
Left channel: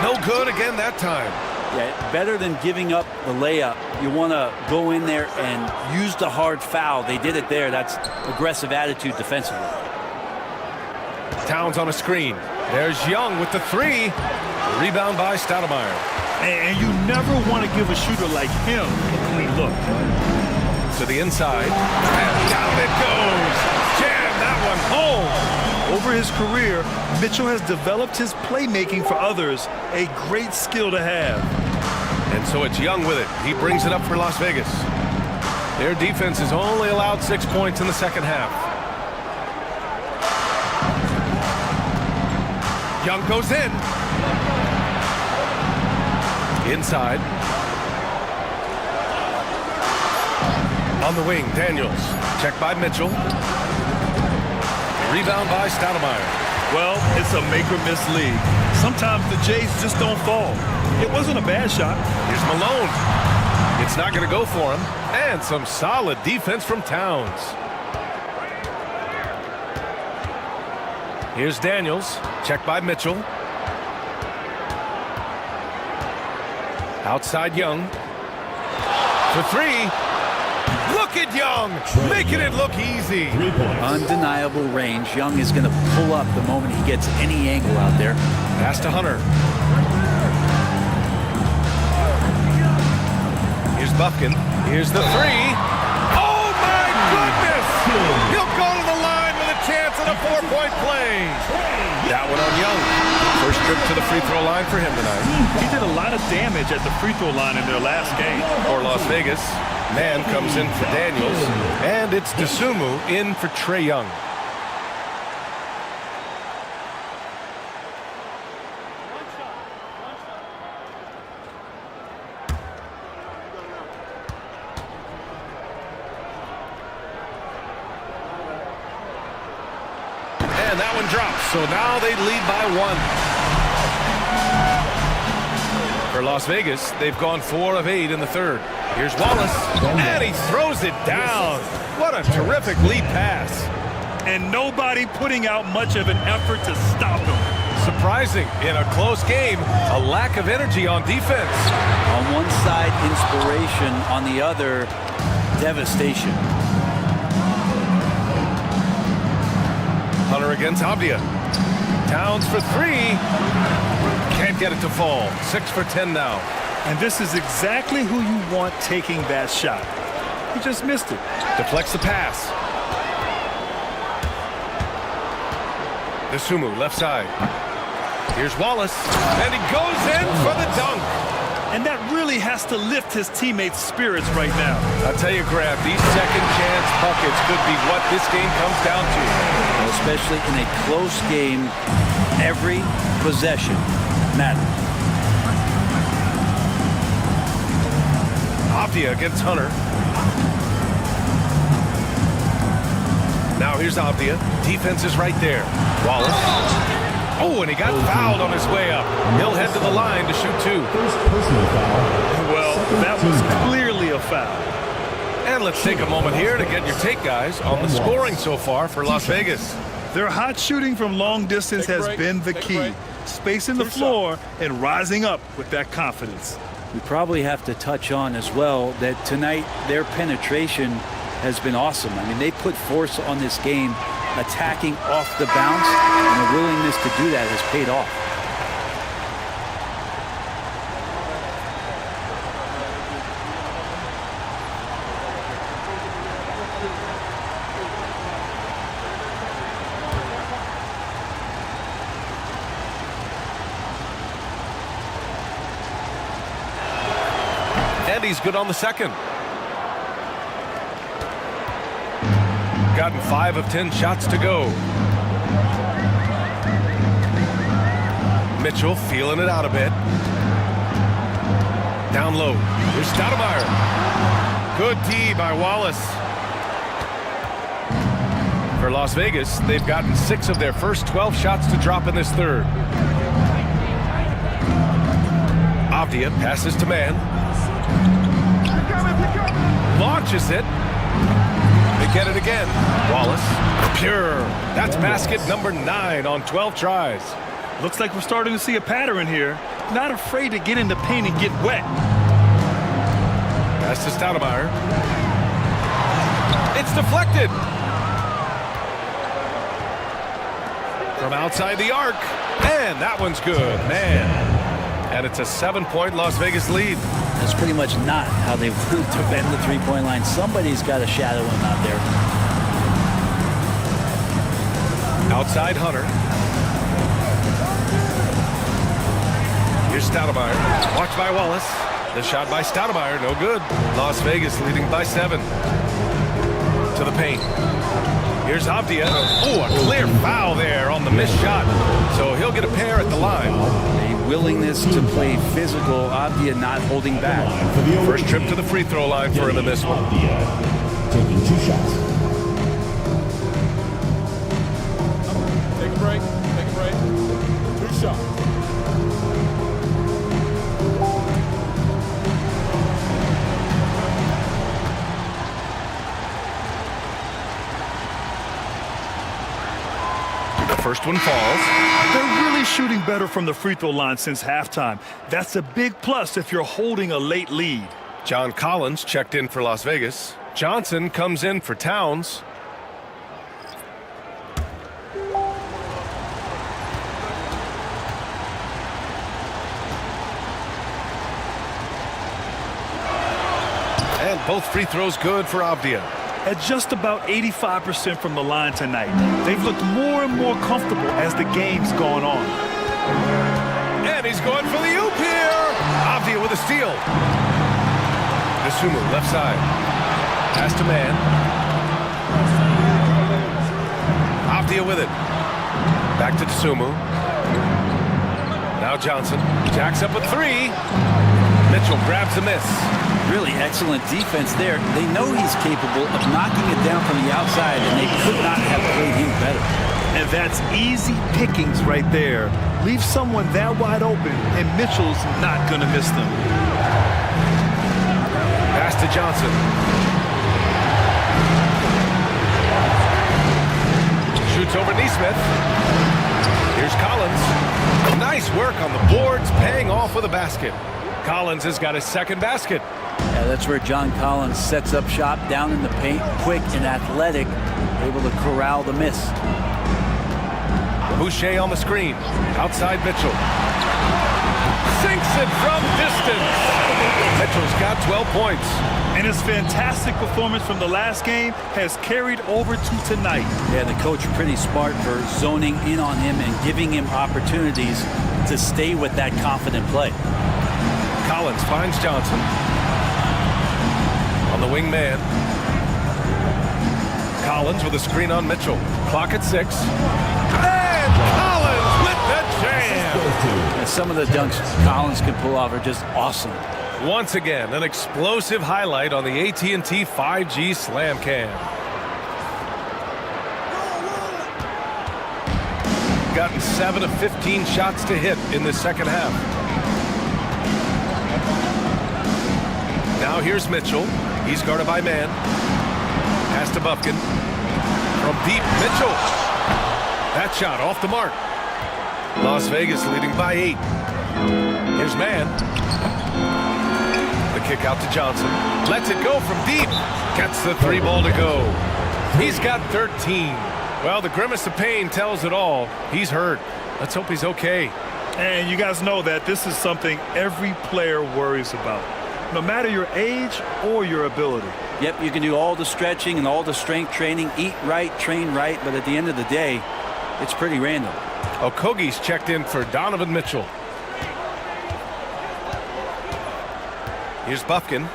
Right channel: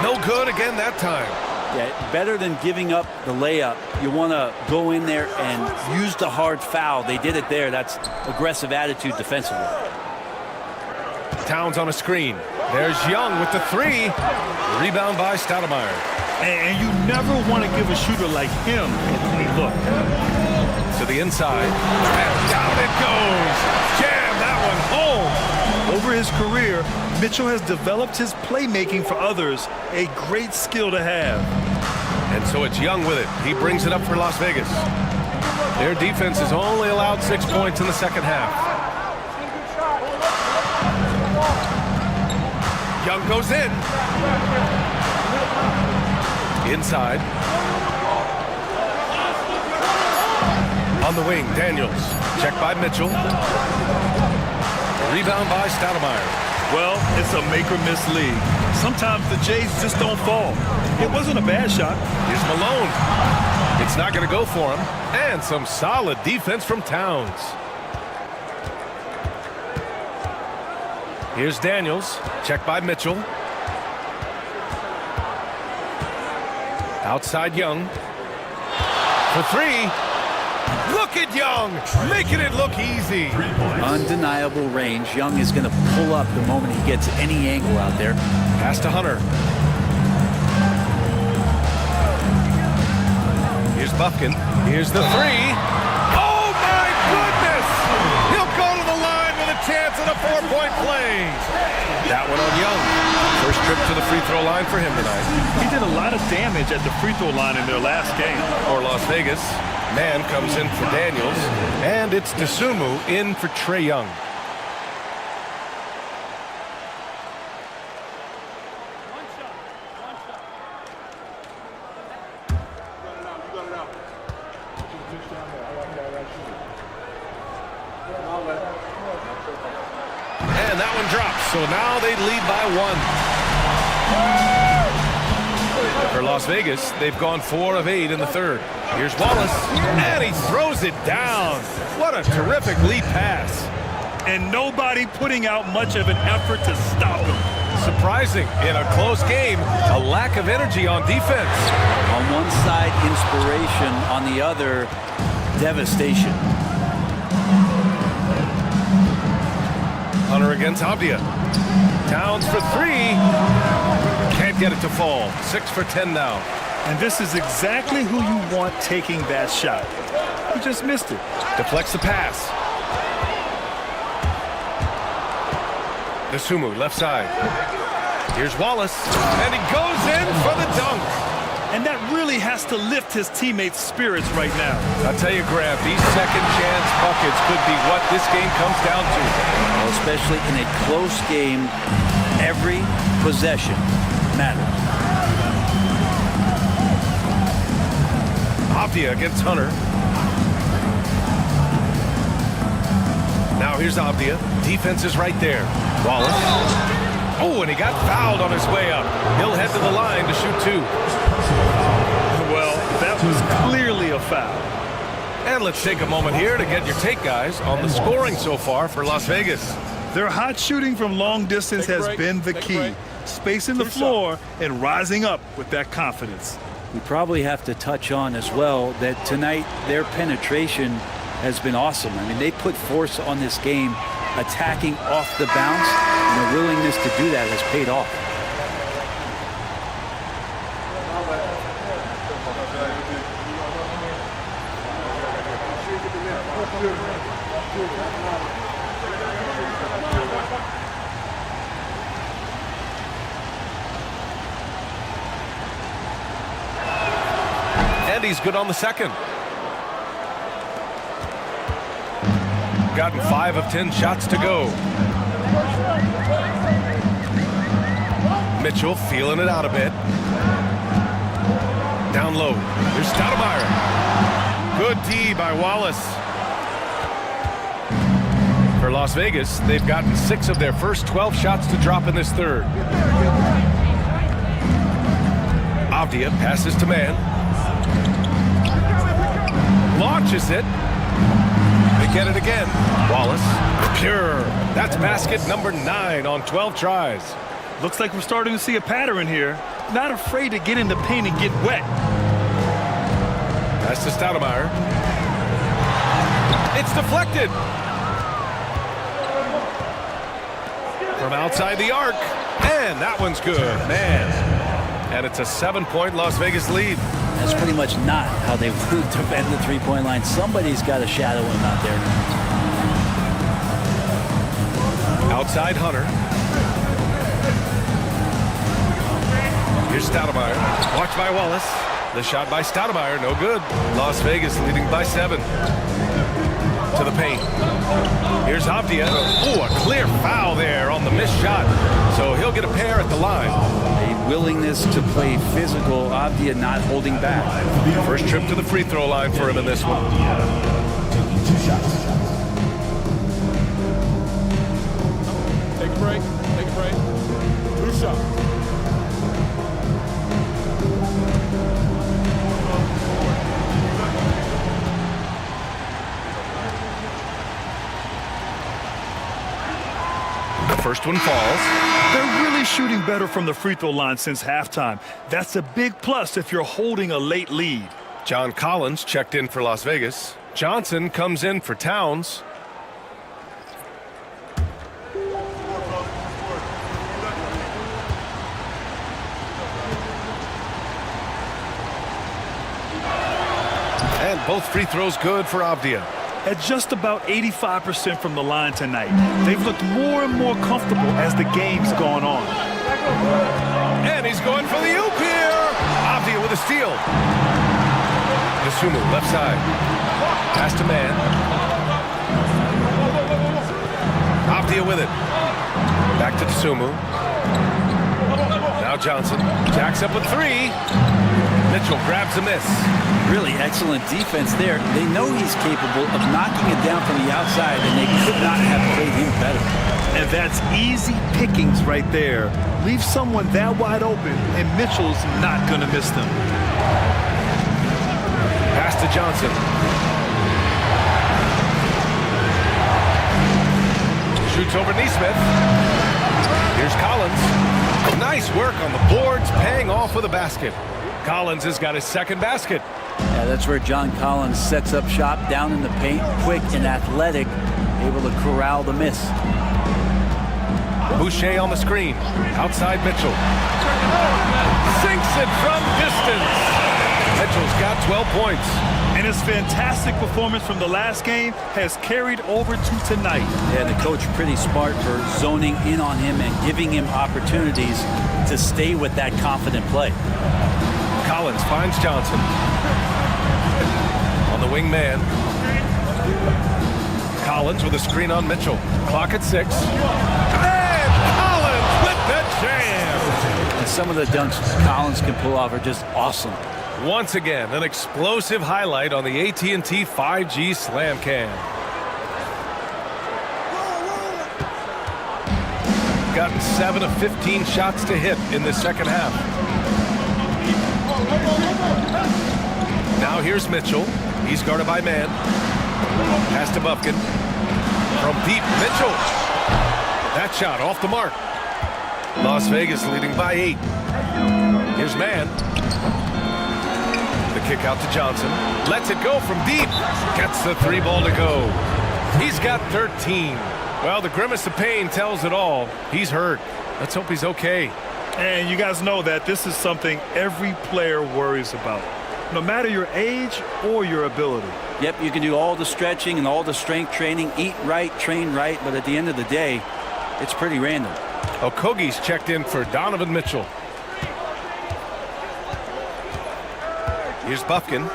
No good again that time. Yeah, better than giving up the layup. You want to go in there and use the hard foul. They did it there. That's aggressive attitude defensively. Towns on a screen. There's Young with the 3. Rebound by Stoudemire. And you never want to give a shooter like him a clean look. To the inside. And down it goes. Jam that one home. Over his career, Mitchell has developed his playmaking for others, a great skill to have. And so it's Young with it. He brings it up for Las Vegas. Their defense has only allowed 6 points in the second half. Young goes in. Inside. On the wing, Daniels. Check by Mitchell. Rebound by Stoudemire. Well, it's a make-or-miss league. Sometimes the Jays just don't fall. It wasn't a bad shot. Here's Malone. It's not going to go for him. And some solid defense from Towns. Here's Daniels. Check by Mitchell. Outside Young. For 3. Look at Young, making it look easy. Undeniable range. Young is going to pull up the moment he gets any angle out there. Pass to Hunter. Here's Buffkin. Here's the 3. Oh, my goodness! He'll go to the line with a chance at a 4-point play. That one on Young. First trip to the free throw line for him tonight. He did a lot of damage at the free throw line in their last game. For Las Vegas, Man comes in for Daniels, and it's Dosunmu in for Trae Young. And that one drops, so now they lead by 1. For Las Vegas, they've gone 4 of 8 in the third. Here's Wallace, and he throws it down. What a terrific lead pass. And nobody putting out much of an effort to stop him. Surprising, in a close game, a lack of energy on defense. On one side, inspiration. On the other, devastation. Hunter against Avdia. Towns for 3. Can't get it to fall. 6 for 10 now. And this is exactly who you want taking that shot. He just missed it. Deflects the pass. Dosunmu, left side. Here's Wallace, and he goes in for the dunk. And that really has to lift his teammates' spirits right now. I'll tell you, Grab, these second chance buckets could be what this game comes down to. Well, especially in a close game, every possession matters. Avdia against Hunter. Now here's Avdia. Defense is right there. Wallace. Oh, and he got fouled on his way up. He'll head to the line to shoot 2. Well, that was clearly a foul. And let's take a moment here to get your take, guys, on the scoring so far for Las Vegas. Their hot shooting from long distance has been the key. Spacing the floor and rising up with that confidence. We probably have to touch on as well that tonight their penetration has been awesome. I mean, they put force on this game, attacking off the bounce, and the willingness to do that has paid off. And he's good on the second. Gotten 5 of 10 shots to go. Mitchell feeling it out a bit. Down low. Here's Stoudemire. Good D by Wallace. For Las Vegas, they've gotten 6 of their first 12 shots to drop in this third. Avdia passes to man. Launches it. They get it again. Wallace. Pure. That's basket number 9 on 12 tries. Looks like we're starting to see a pattern here. Not afraid to get in the paint and get wet. Pass to Stoudemire. It's deflected. From outside the arc. And that one's good. Man. And it's a 7-point Las Vegas lead. That's pretty much not how they want to defend the three-point line. Somebody's got to shadow him out there. Outside Hunter. Here's Stoudemire. Watched by Wallace. The shot by Stoudemire, no good. Las Vegas leading by 7. To the paint. Here's Avdia. Oh, a clear foul there on the missed shot. So he'll get a pair at the line. A willingness to play physical. Avdia not holding back. First trip to the free throw line for him in this one. Taking 2 shots. Take a break. Take a break. 2 shots. The first one falls. They're really shooting better from the free throw line since halftime. That's a big plus if you're holding a late lead. John Collins checked in for Las Vegas. Johnson comes in for Towns. And both free throws good for Avdia. At just about 85% from the line tonight, they've looked more and more comfortable as the game's gone on. And he's going for the oop here. Avdia with a steal. Dosunmu, left side. Pass to man. Avdia with it. Back to Dosunmu. Now Johnson. Jacks up a 3. Mitchell grabs a miss. Really excellent defense there. They know he's capable of knocking it down from the outside, and they could not have played him better. And that's easy pickings right there. Leave someone that wide open, and Mitchell's not going to miss them. Pass to Johnson. Shoots over Neesmith. Here's Collins. Nice work on the boards, paying off with a basket. Collins has got his second basket. Yeah, that's where John Collins sets up shop down in the paint, quick and athletic, able to corral the miss. Boucher on the screen. Outside Mitchell. Sinks it from distance. Mitchell's got 12 points. And his fantastic performance from the last game has carried over to tonight. Yeah, the coach pretty smart for zoning in on him and giving him opportunities to stay with that confident play. Collins finds Johnson. On the wing man. Collins with a screen on Mitchell. Clock at 6. And Collins with the jam. And some of the dunks Collins can pull off are just awesome. Once again, an explosive highlight on the AT&T 5G Slam Cam. Gotten 7 of 15 shots to hit in the second half. Now here's Mitchell. He's guarded by man. Pass to Bufkin. From deep, Mitchell. That shot off the mark. Las Vegas leading by 8. Here's man. The kick out to Johnson. Lets it go from deep. Gets the 3 ball to go. He's got 13. Well, the grimace of pain tells it all. He's hurt. Let's hope he's okay. And you guys know that this is something every player worries about, no matter your age or your ability. Yep, you can do all the stretching and all the strength training, eat right, train right, but at the end of the day, it's pretty random. Okogie's checked in for Donovan Mitchell. Here's Bufkin.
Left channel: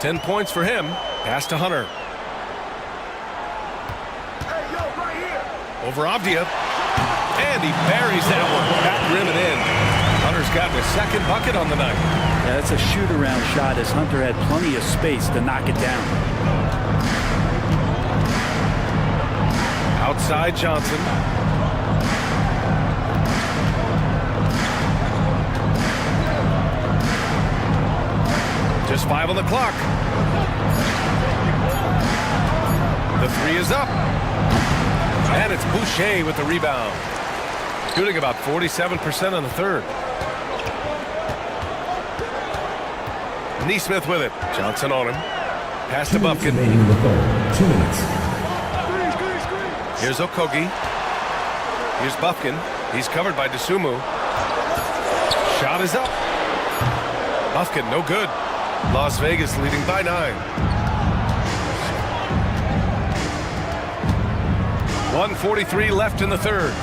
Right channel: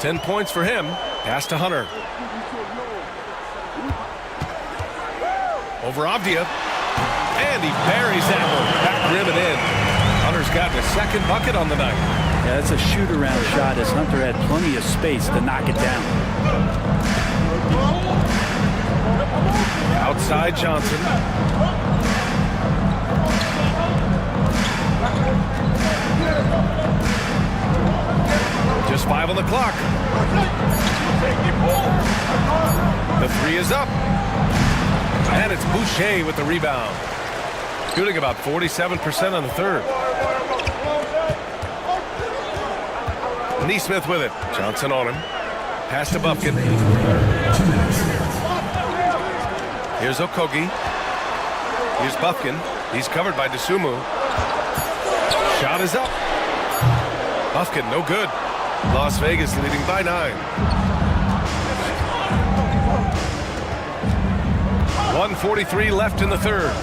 10 points for him. Pass to Hunter. Over Avdia. And he buries that one. Back rim and in. Hunter's gotten his second bucket on the night. Yeah, that's a shoot-around shot as Hunter had plenty of space to knock it down. Outside Johnson. Just 5 on the clock. The 3 is up. And it's Boucher with the rebound. Shooting about 47% on the third. Neesmith with it. Johnson on him. Pass to Bufkin. 2 minutes. Here's Okogie. Here's Bufkin. He's covered by Dosunmu. Shot is up. Bufkin, no good. Las Vegas leading by 9. 1:43 left in the third.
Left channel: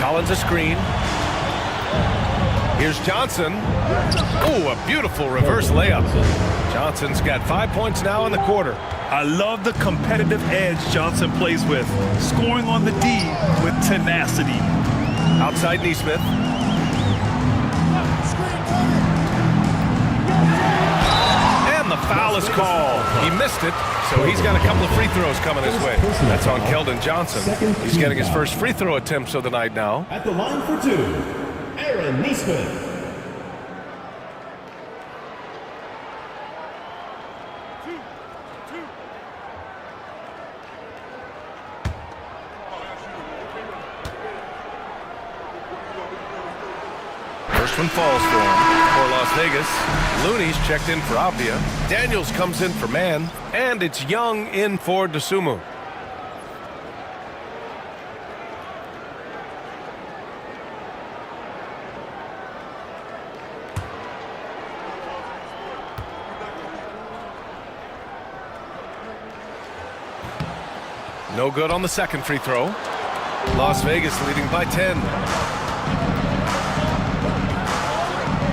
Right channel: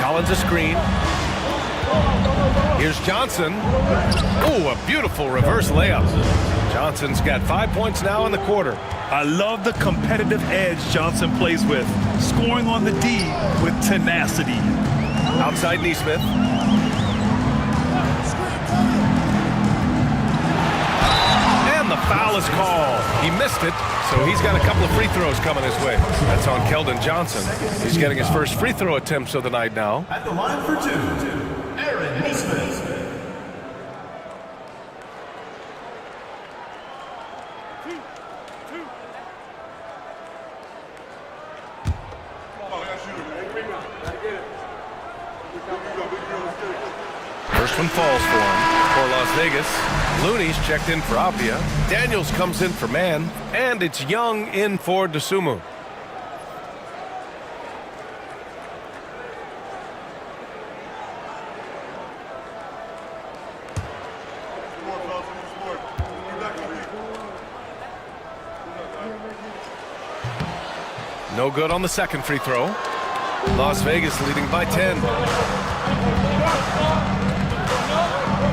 Collins a screen. Here's Johnson. Oh, a beautiful reverse layup. Johnson's got 5 points now in the quarter. I love the competitive edge Johnson plays with, scoring on the D with tenacity. Outside Neesmith. And the foul is called. He missed it, so he's got a couple of free throws coming his way. That's on Keldon Johnson. He's getting his first free throw attempts of the night now. At the line for 2, Aaron Neesmith. First one falls for him. For Las Vegas, Looney's checked in for Avdia. Daniels comes in for man. And it's Young in for Dosunmu. No good on the second free throw. Las Vegas leading by 10.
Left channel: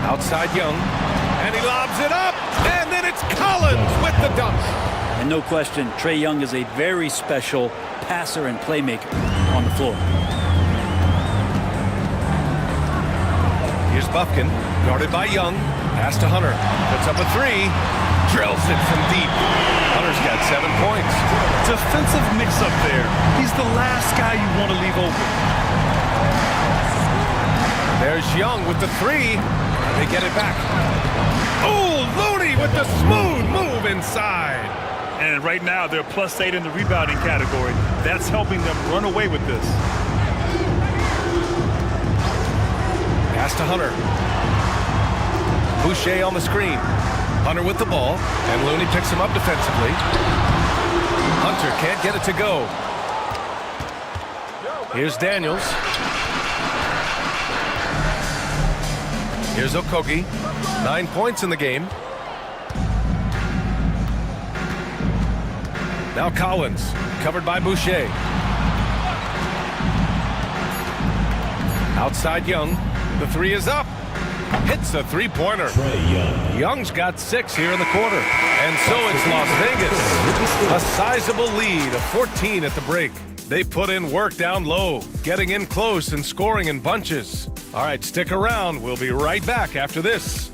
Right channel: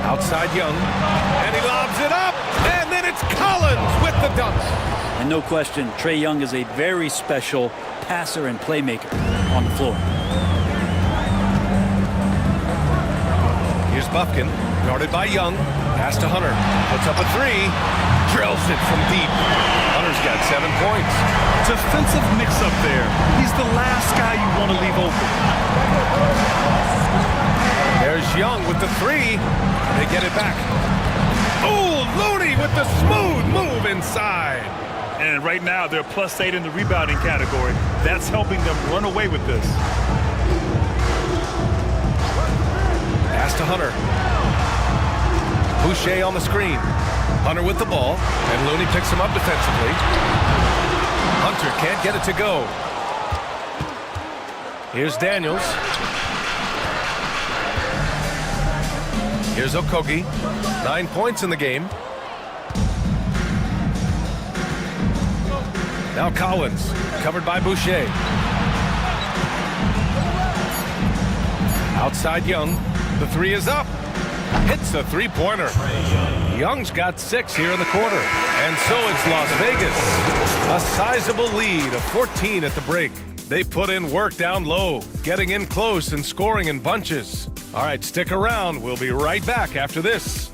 Outside Young, and he lobs it up, and then it's Collins with the dunk. And no question, Trae Young is a very special passer and playmaker on the floor. Here's Bufkin, guarded by Young. Pass to Hunter. Puts up a three. Drills it from deep. Hunter's got 7 points. Defensive mix-up there. He's the last guy you want to leave open. There's Young with the three. They get it back. Oh, Looney with the smooth move inside. And right now, they're +8 in the rebounding category. That's helping them run away with this. Pass to Hunter. Boucher on the screen. Hunter with the ball, and Looney picks him up defensively. Hunter can't get it to go. Here's Daniels. Here's Okogie. 9 points in the game. Now Collins, covered by Boucher. Outside Young. The three is up. Hits a three-pointer. Young's got 6 here in the quarter. And so it's Las Vegas. A sizable lead of 14 at the break. They put in work down low, getting in close and scoring in bunches. All right, stick around. We'll be right back after this.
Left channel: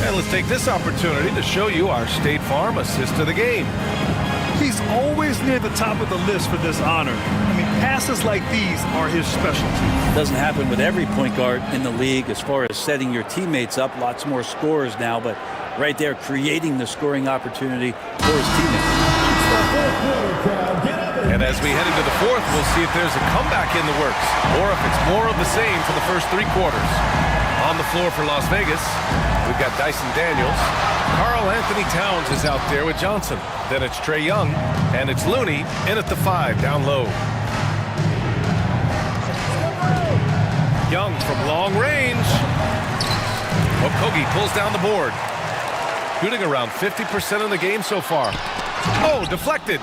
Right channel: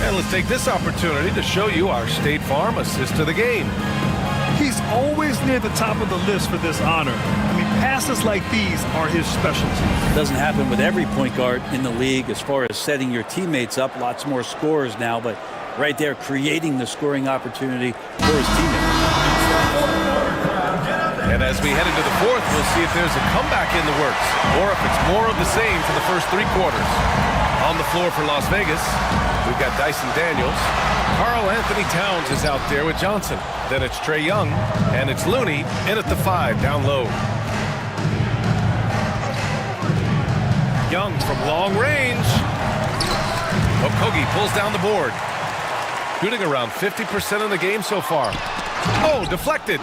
And let's take this opportunity to show you our State Farm assist to the game. He's always near the top of the list for this honor. I mean, passes like these are his specialty. It doesn't happen with every point guard in the league as far as setting your teammates up. Lots more scorers now, but right there creating the scoring opportunity for his teammates. And as we head into the fourth, we'll see if there's a comeback in the works or if it's more of the same for the first 3 quarters. On the floor for Las Vegas, we've got Dyson Daniels. Karl Anthony Towns is out there with Johnson. Then it's Trae Young, and it's Looney in at the 5 down low. Young from long range. Okogie pulls down the board. Shooting around 50% in the game so far. Oh, deflected.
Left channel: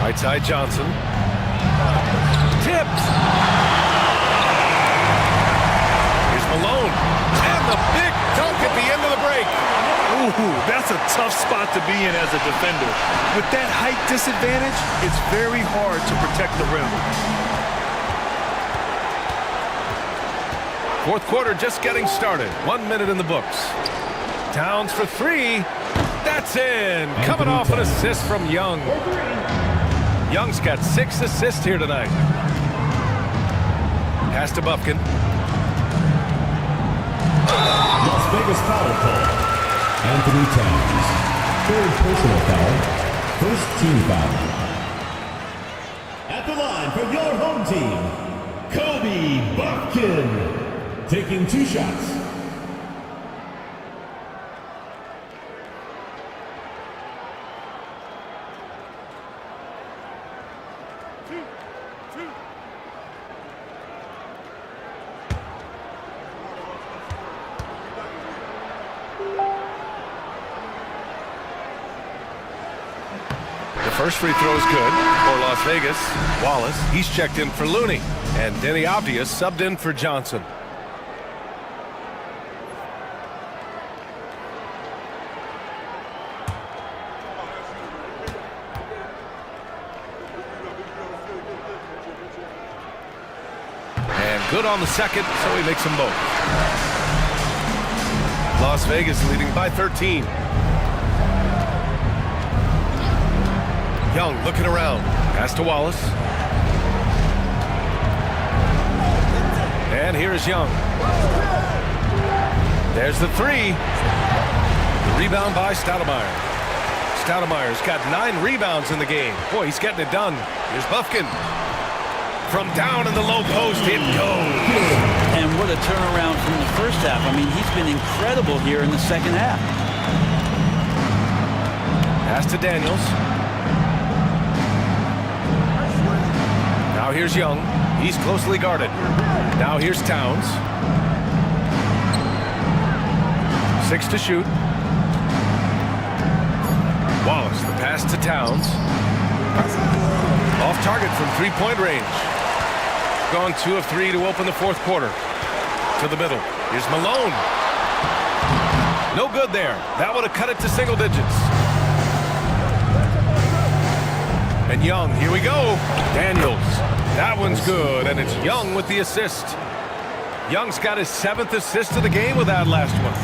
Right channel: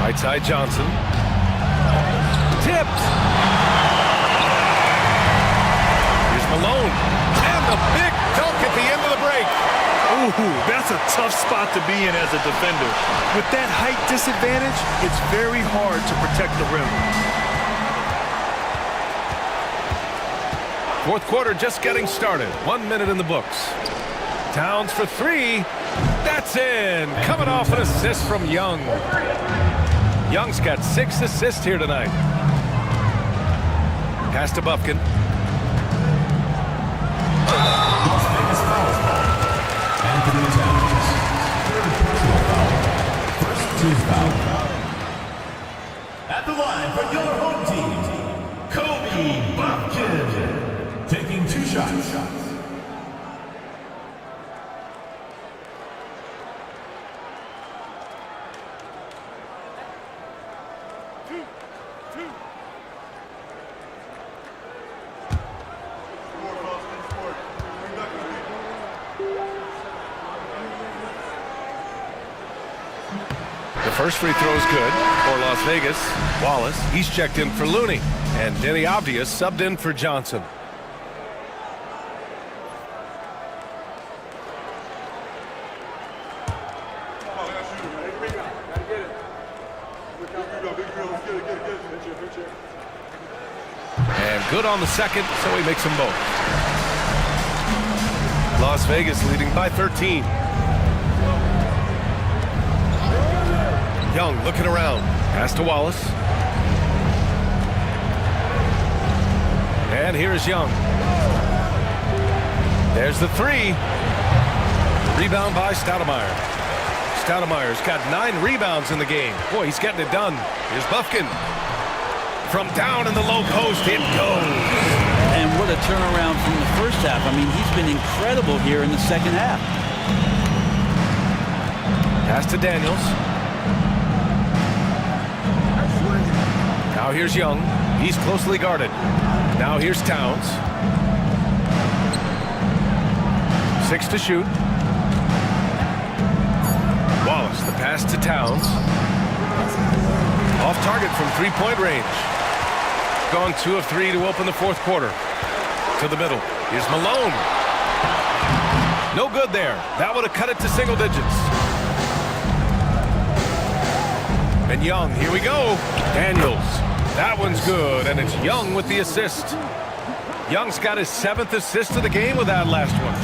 Right side Johnson. Tipped. Here's Malone. And the big dunk at the end of the break. Ooh, that's a tough spot to be in as a defender. With that height disadvantage, it's very hard to protect the rim. Fourth quarter just getting started. 1 minute in the books. Towns for 3. That's in. Coming off an assist from Young. Young's got 6 assists here tonight. Pass to Bufkin. Las Vegas foul call. Anthony Towns. 3rd personal foul. 1st team foul. At the line for your home team, Kobe Bufkin. Taking 2 shots. The first free throw is good for Las Vegas. Wallace, he's checked in for Looney. And Denny Obvious subbed in for Johnson. And good on the second, so he makes them both. Las Vegas leading by 13. Young looking around. Pass to Wallace. And here is Young. There's the 3. The rebound by Stoudemire. Stoudemire's got 9 rebounds in the game. Boy, he's getting it done. Here's Bufkin. From down in the low post, it goes. And what a turnaround from the first half. I mean, he's been incredible here in the second half. Pass to Daniels. Now here's Young. He's closely guarded. Now here's Towns. 6 to shoot. Wallace, the pass to Towns. Off target from 3-point range. Gone 2 of 3 to open the fourth quarter. To the middle. Here's Malone. No good there. That would have cut it to single digits. And Young, here we go. Daniels. That one's good, and it's Young with the assist. Young's got his 7th assist of the game with that last one.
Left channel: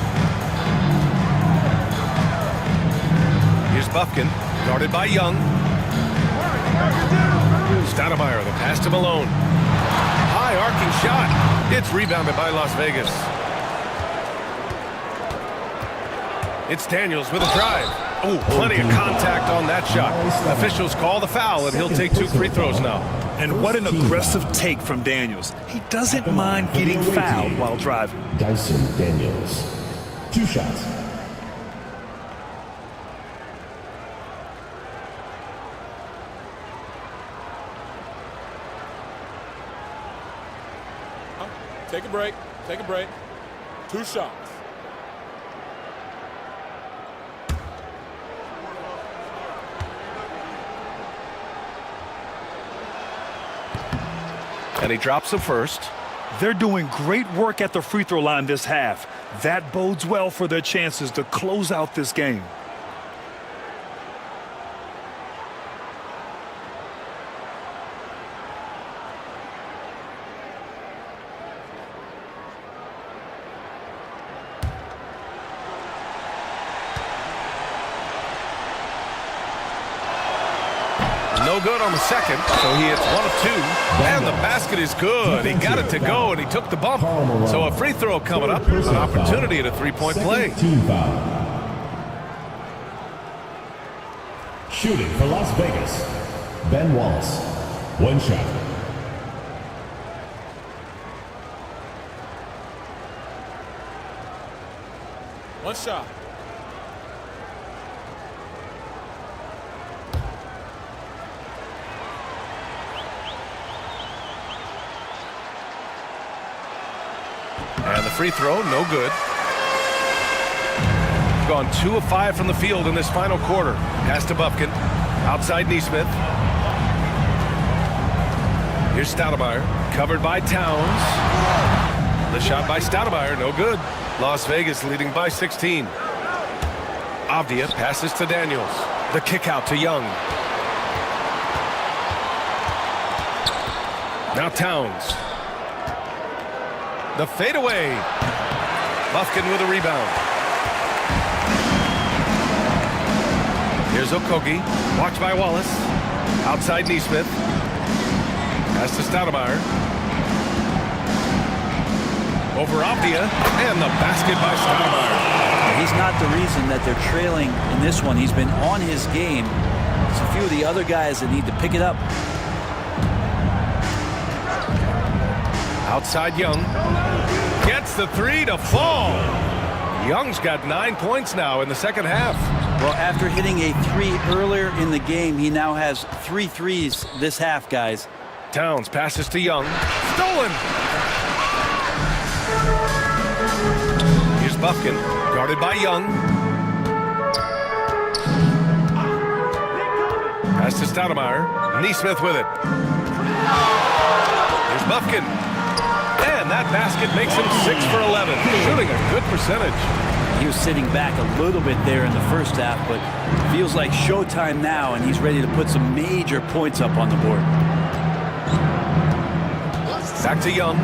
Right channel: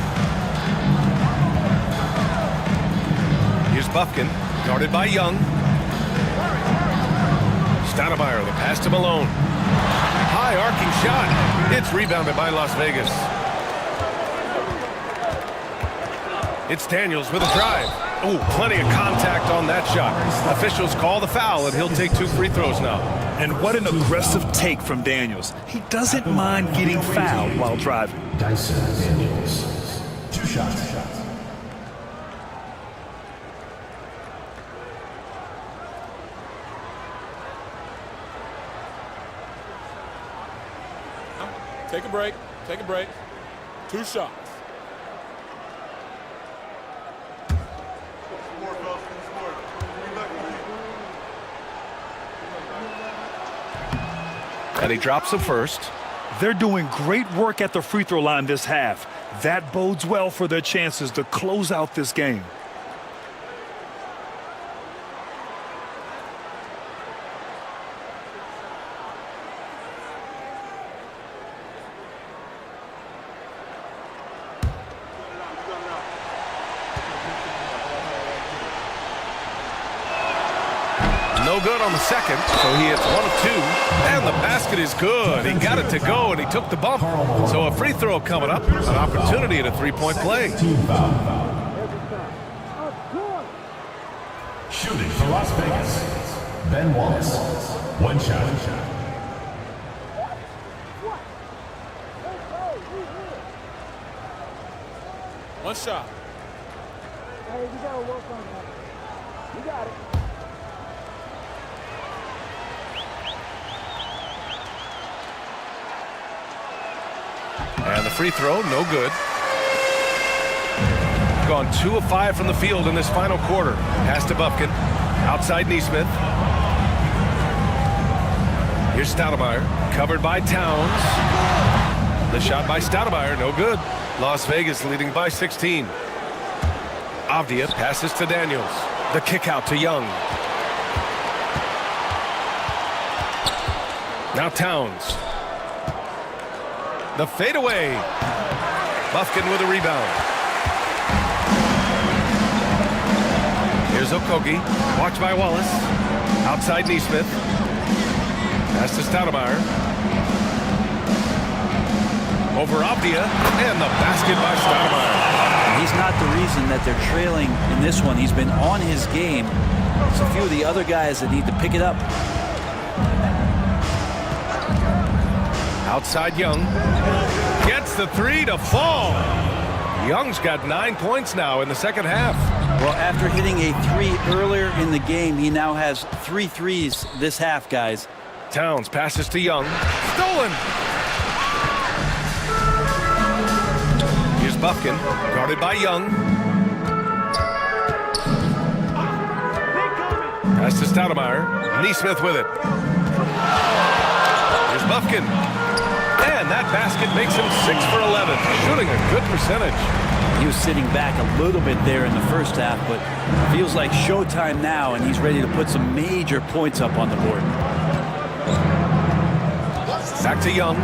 Here's Bufkin, guarded by Young. Stoudemire, the pass to Malone. High arcing shot. It's rebounded by Las Vegas. It's Daniels with a drive. Oh, plenty of contact on that shot. Officials call the foul, and he'll take 2 free throws now. And what an aggressive take from Daniels. He doesn't mind getting fouled while driving. Dyson Daniels. 2 shots. Take a break. Take a break. 2 shots. And he drops the first. They're doing great work at the free throw line this half. That bodes well for their chances to close out this game. No good on the second, so he hits 1 of 2. And the basket is good. He got it to go, and he took the bump. So a free throw coming up, an opportunity at a 3-point play. Team foul. Shooting for Las Vegas, Ben Wallace. 1 shot. One shot. And the free throw, no good. Gone 2 of 5 from the field in this final quarter. Pass to Bufkin. Outside Neesmith. Here's Stoudemire. Covered by Towns. The shot by Stoudemire, no good. Las Vegas leading by 16. Avdia passes to Daniels. The kick out to Young. Now Towns. The fadeaway. Bufkin with a rebound. Here's Okogie. Watched by Wallace. Outside Neesmith. Pass to Stoudemire. Over Avdia. And the basket by Stoudemire. He's not the reason that they're trailing in this one. He's been on his game. It's a few of the other guys that need to pick it up. Outside Young. Gets the 3 to fall. Young's got 9 points now in the second half. Well, after hitting a 3 earlier in the game, he now has 3 threes this half, guys. Towns passes to Young. Stolen. Here's Bufkin, guarded by Young. Pass to Stoudemire. Neesmith with it. Here's Bufkin. And that basket makes him 6 for 11, shooting a good percentage. He was sitting back a little bit there in the first half, but feels like showtime now, and he's ready to put some major points up on the board. Back to Young.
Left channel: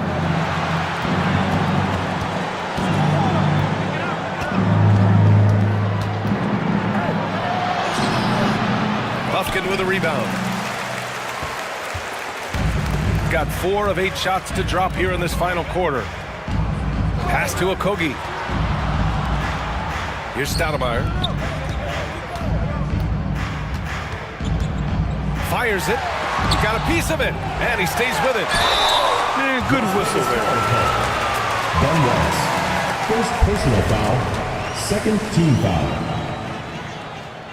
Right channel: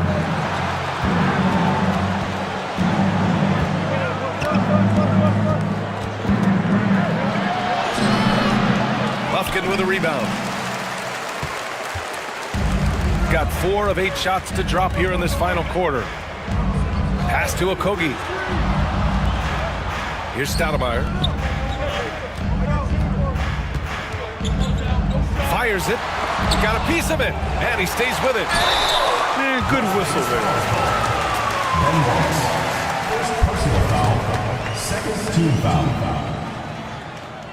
Bufkin with a rebound. Got 4 of 8 shots to drop here in this final quarter. Pass to Okogie. Here's Stoudemire. Fires it. He got a piece of it, and he stays with it. Man, good whistle there. Ben Wallace. First personal foul. Second team foul.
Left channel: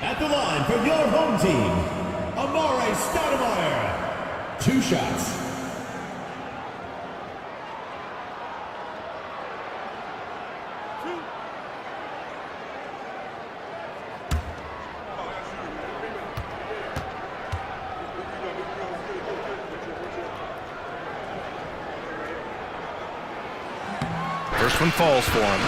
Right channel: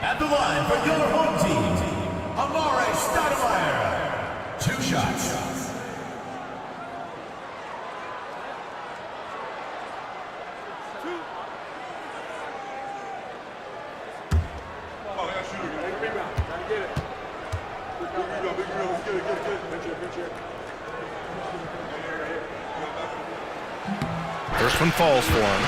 At the line for your home team, Amare Stoudemire. 2 shots. First one falls for him.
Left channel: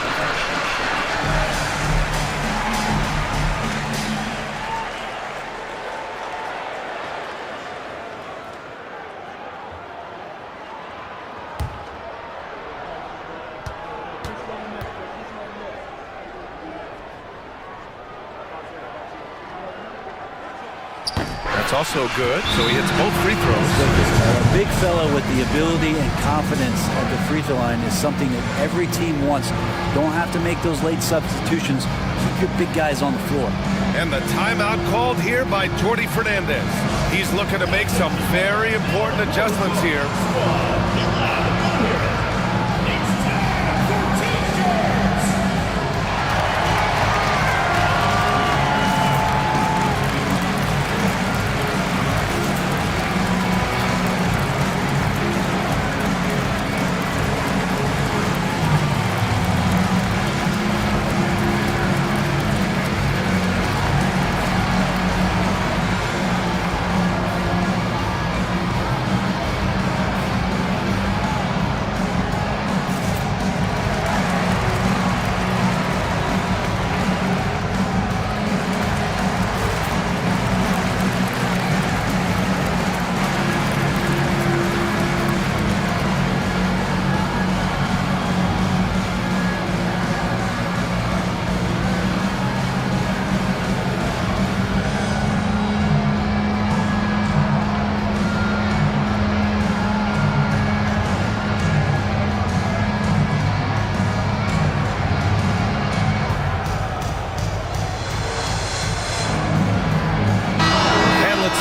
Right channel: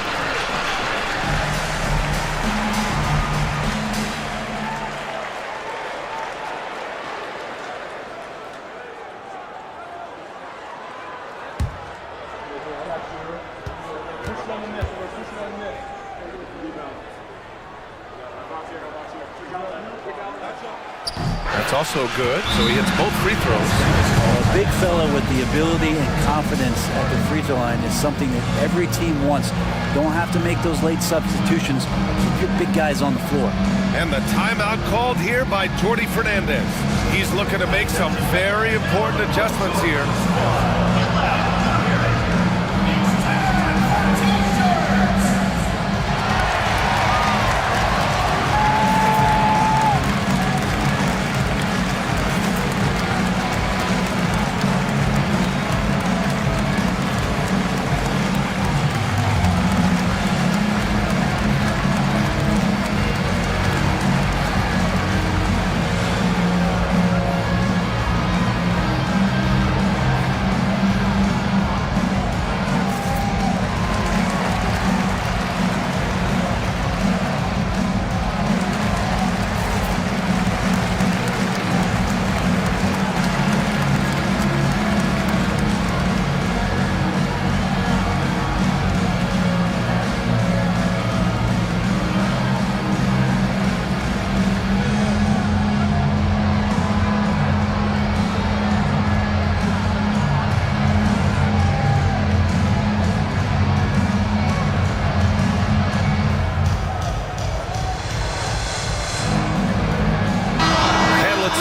That's also good, so he hits both free throws. A big fella with the ability and confidence at the free throw line is something that every team wants. Don't have to make those late substitutions. Keep your big guys on the floor. And the timeout called here by Jordi Fernandez. He's looking to make some very important adjustments here.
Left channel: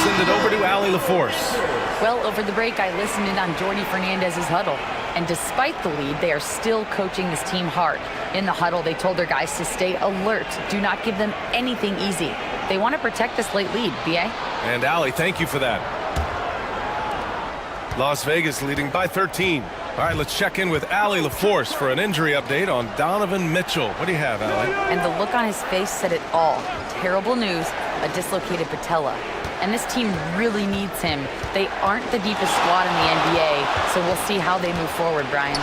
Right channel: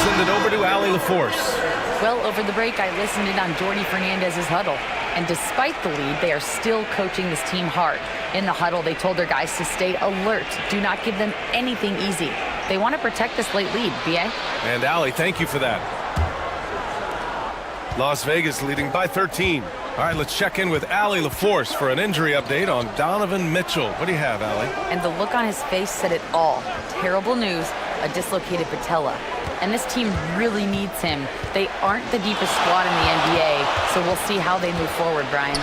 Send it over to Allie LaForce. Well, over the break, I listened in on Jordi Fernandez's huddle. And despite the lead, they are still coaching this team hard. In the huddle, they told their guys to stay alert. Do not give them anything easy. They want to protect this late lead, B.A. And Allie, thank you for that. Las Vegas leading by 13. All right, let's check in with Allie LaForce for an injury update on Donovan Mitchell. What do you have, Allie? And the look on his face said it all. Terrible news, a dislocated patella. And this team really needs him. They aren't the deepest squad in the NBA, so we'll see how they move forward, Brian.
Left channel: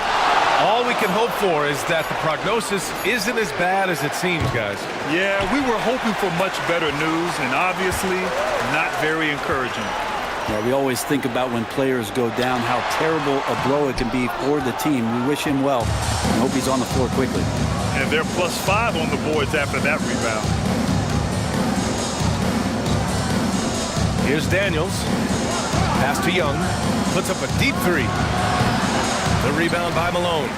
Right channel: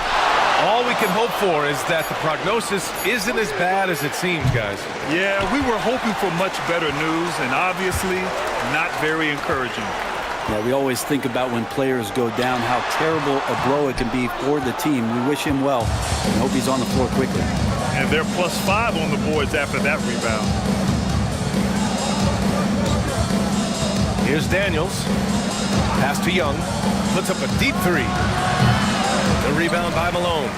All we can hope for is that the prognosis isn't as bad as it seems, guys. Yeah, we were hoping for much better news, and obviously not very encouraging. Yeah, we always think about when players go down, how terrible a blow it can be for the team. We wish him well and hope he's on the floor quickly. And they're +5 on the boards after that rebound. Here's Daniels. Pass to Young. Puts up a deep three. The rebound by Malone.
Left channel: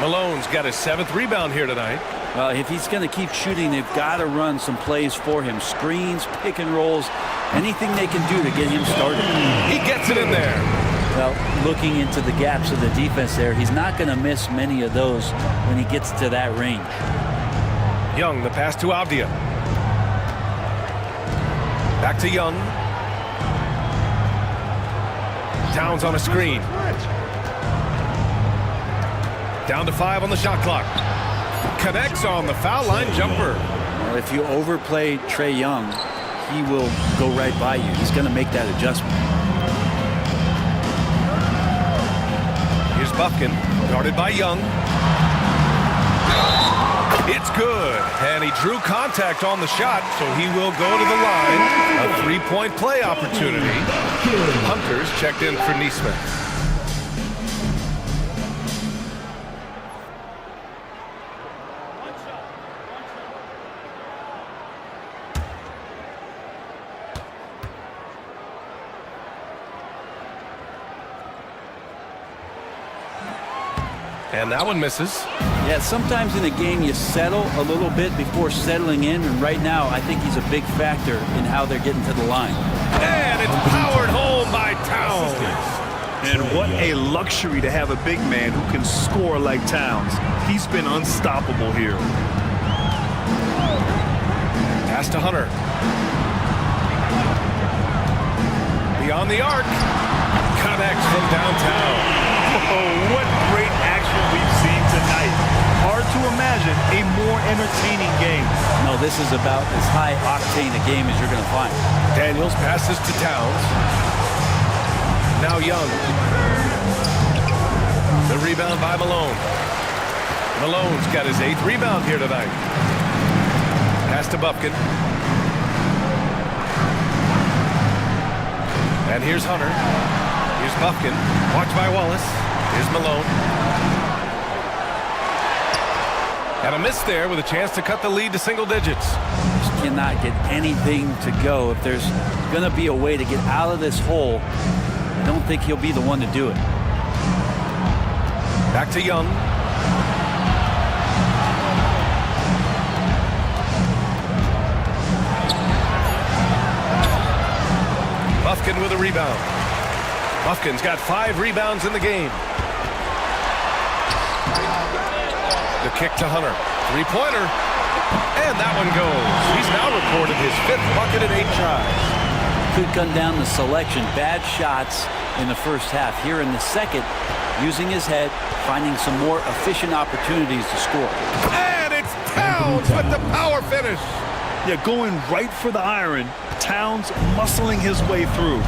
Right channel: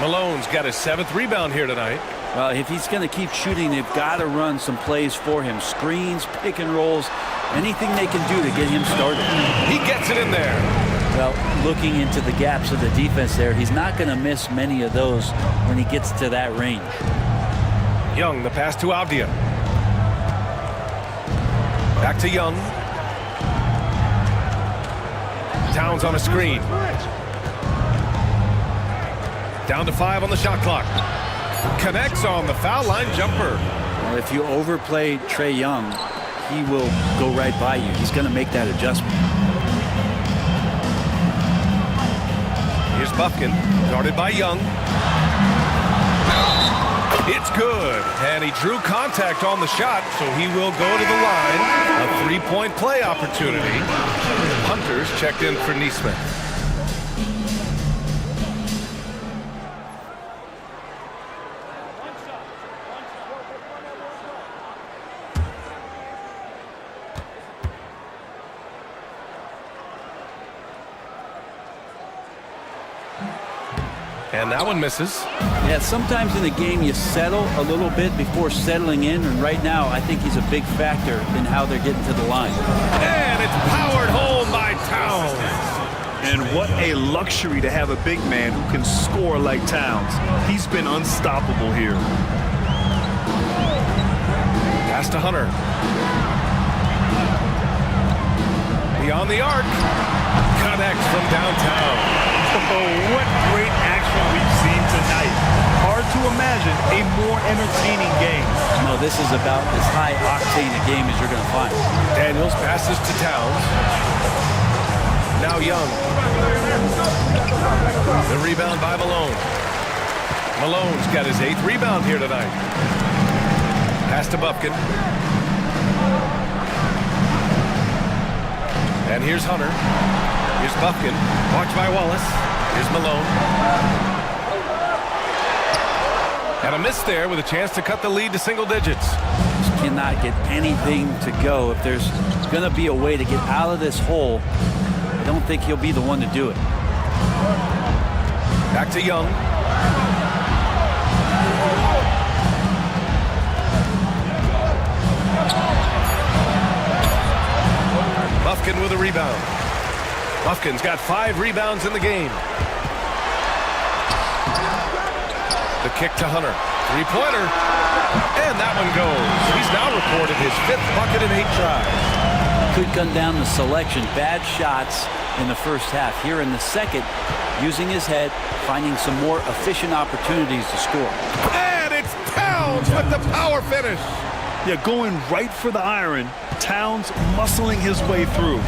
Malone's got his 7th rebound here tonight. If he's going to keep shooting, they've got to run some plays for him. Screens, pick and rolls, anything they can do to get him started. He gets it in there. Well, looking into the gaps of the defense there, he's not going to miss many of those when he gets to that range. Young, the pass to Avdia. Back to Young. Towns on a screen. Down to 5 on the shot clock. Connects on the foul line jumper. Well, if you overplay Trae Young, he will go right by you. He's going to make that adjustment. Here's Bufkin, guarded by Young. It's good, and he drew contact on the shot, so he will go to the line. A three-point play opportunity. Hunters checked in for Neesmith. And that one misses. Yeah, sometimes in a game you settle a little bit before settling in, and right now I think he's a big factor in how they're getting to the line. And it's powered home by Towns. And what a luxury to have a big man who can score like Towns. He's been unstoppable here. Pass to Hunter. Beyond the arc. Connects from downtown. Oh, what great action we've seen tonight. Hard to imagine a more entertaining game. No, this is about as high octane a game as you're going to find. Daniels passes to Towns. Now Young. The rebound by Malone. Malone's got his 8th rebound here tonight. Pass to Bufkin. And here's Hunter. Here's Bufkin. Watched by Wallace. Here's Malone. And a miss there with a chance to cut the lead to single digits. Just cannot get anything to go. If there's going to be a way to get out of this hole, I don't think he'll be the one to do it. Back to Young. Bufkin with a rebound. Bufkin's got 5 rebounds in the game. The kick to Hunter. 3-pointer. And that one goes. He's now recorded his 5th bucket in 8 tries. Could come down to selection. Bad shots in the first half. Here in the second, using his head, finding some more efficient opportunities to score. And it's Towns with the power finish. Yeah, going right for the iron. Towns muscling his way through.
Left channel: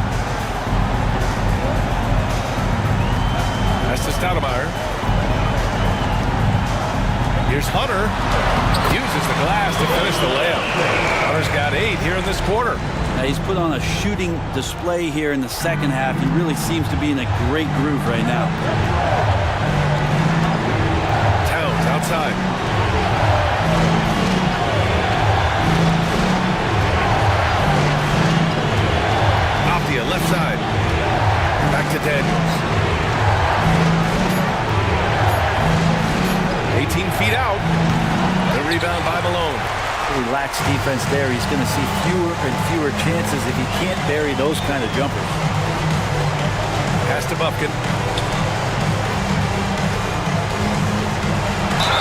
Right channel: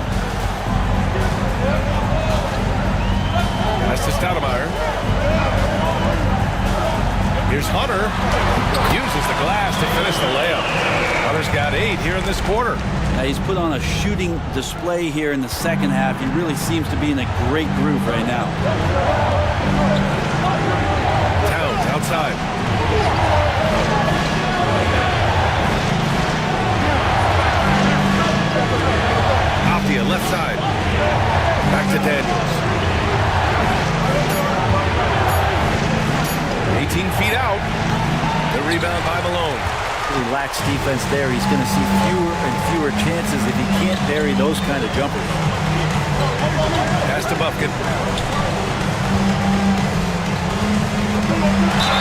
Pass to Stoudemire. Here's Hunter. Uses the glass to finish the layup. Hunter's got 8 here in this quarter. Now he's put on a shooting display here in the second half. He really seems to be in a great groove right now. Towns outside. Optia left side. Back to Daniels. 18 feet out. The rebound by Malone. Relaxed defense there. He's going to see fewer and fewer chances if he can't bury those kind of jumpers. Pass to Bufkin.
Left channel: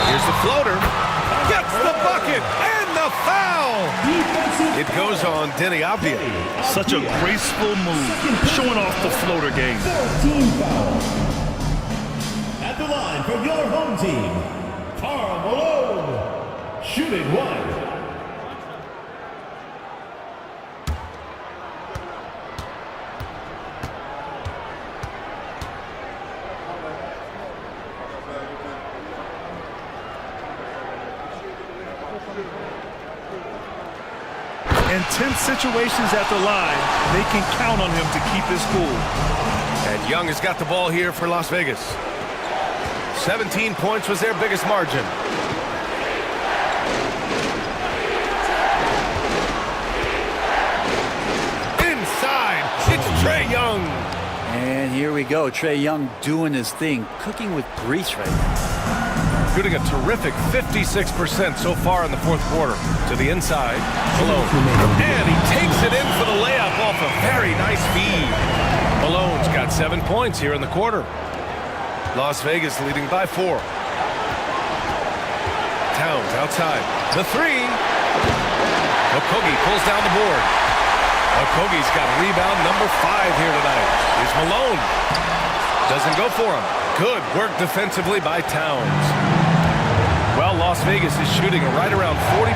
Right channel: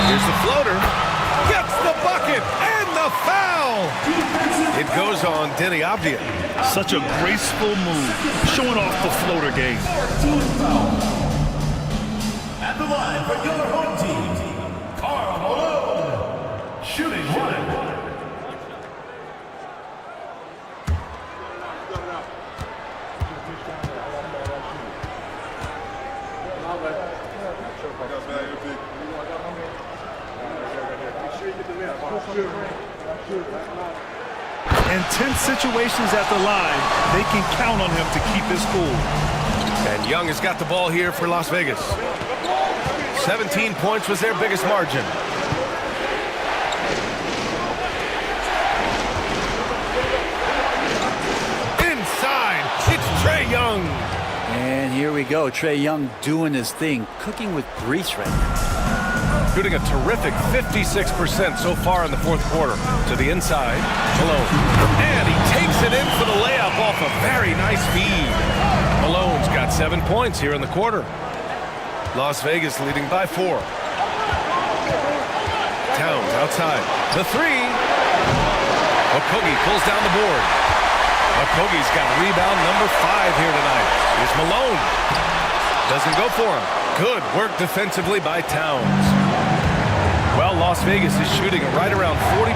Here's the floater. Gets the bucket and the foul. It goes on Denny Abdia. Such a graceful move, showing off the floater game. Team foul. At the line for your home team, Karl Malone, shooting 1. In tense situations at the line, they can count on him to keep his cool. And Young has got the ball here for Las Vegas. 17 points was their biggest margin. Inside, it's Trae Young. And here we go. Trae Young doing his thing, cooking with grease right now. Shooting a terrific 56% so far in the fourth quarter. To the inside, Malone. And he takes it in for the layup off a very nice feed. Malone's got 7 points here in the quarter. Las Vegas leading by 4. Towns outside. The 3. Okogie pulls down the board. Okogie's got rebound number 5 here tonight. Here's Malone. Doesn't go for him. Good work defensively by Towns. Well, Las Vegas is shooting right around 40%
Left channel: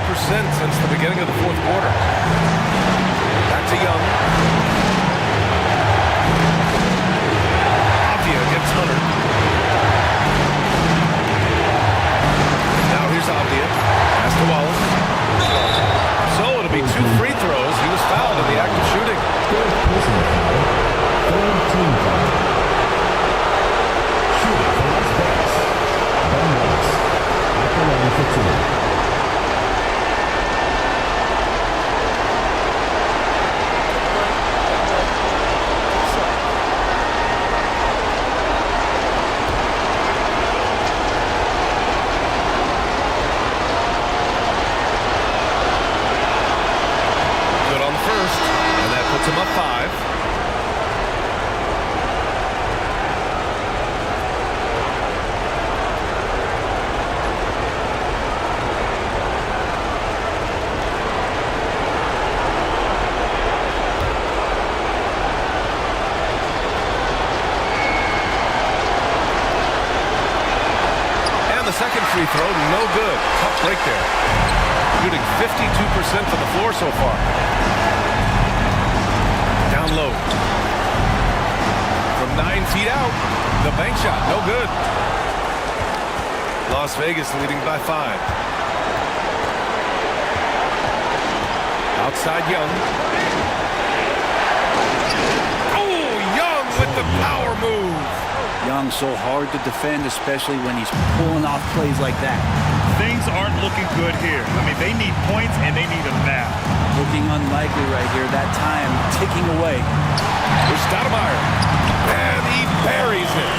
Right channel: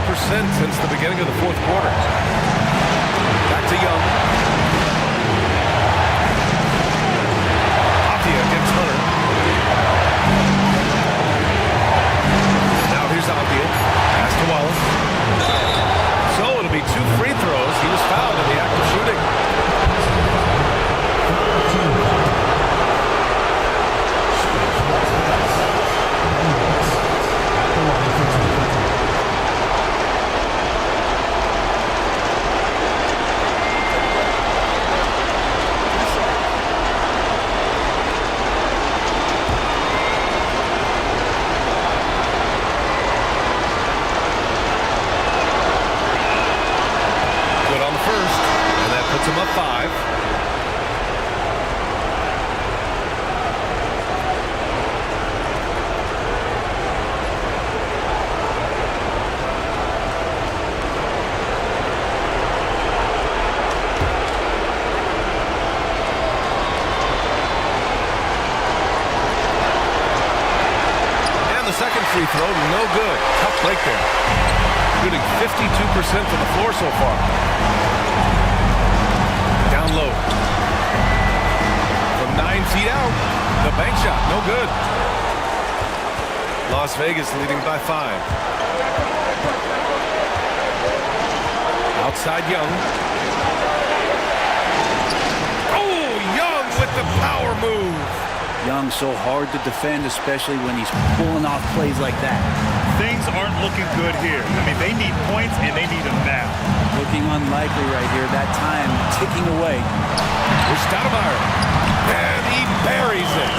since the beginning of the fourth quarter. Back to Young. Abdia against Hunter. Now here's Abdia. Pass to Wallace. So it'll be 2 free throws. He was fouled in the act of shooting. Good on the first, and that puts him up 5. And the second free throw, no good. Tough break there. Shooting 52% from the floor so far. Down low. From 9 feet out, the bank shot, no good. Las Vegas leading by 5. Outside Young. Oh, Young with the power move. Young so hard to defend, especially when he's pulling off plays like that. Things aren't looking good here. I mean, they need points, and they need them now. Looking unlikely right here. That time ticking away. Here's Stoudemire. And he buries it.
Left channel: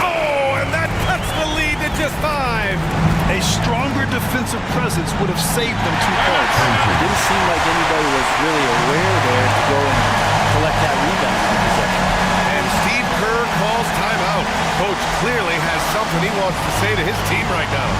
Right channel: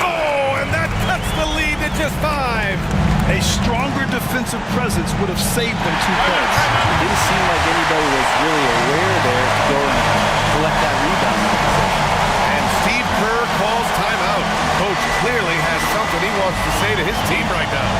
Oh, and that cuts the lead to just 5. A stronger defensive presence would have saved them 2 points. It didn't seem like anybody was really aware there to go and collect that rebound in the possession. And Steve Kerr calls timeout. Coach clearly has something he wants to say to his team right now.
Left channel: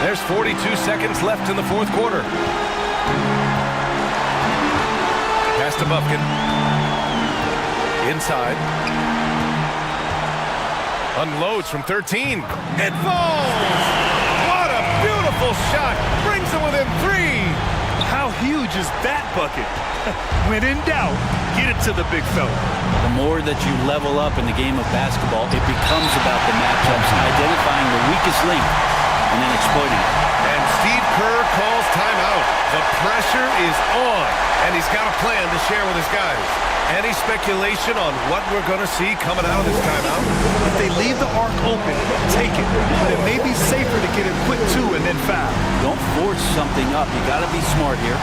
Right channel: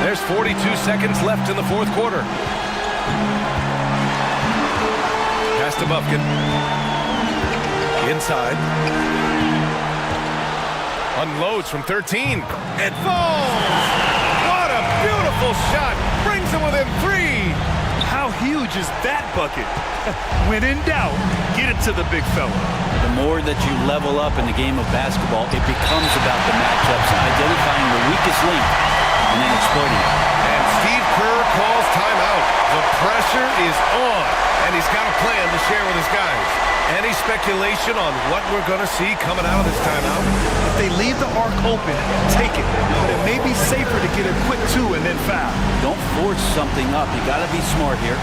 There's 42 seconds left in the 4th quarter. Pass to Bufkin. Inside. Unloads from 13. It falls! What a beautiful shot! Brings them within 3. How huge is that bucket? When in doubt, get it to the big fella. The more that you level up in the game of basketball, it becomes about the matchups, identifying the weakest link, and then exploiting it. And Steve Kerr calls timeout. The pressure is on, and he's got a plan to share with his guys. Any speculation on what we're going to see coming out of this timeout? If they leave the arc open, take it. But it may be safer to get a quick 2 and then foul. Don't force something up. You got to be smart here.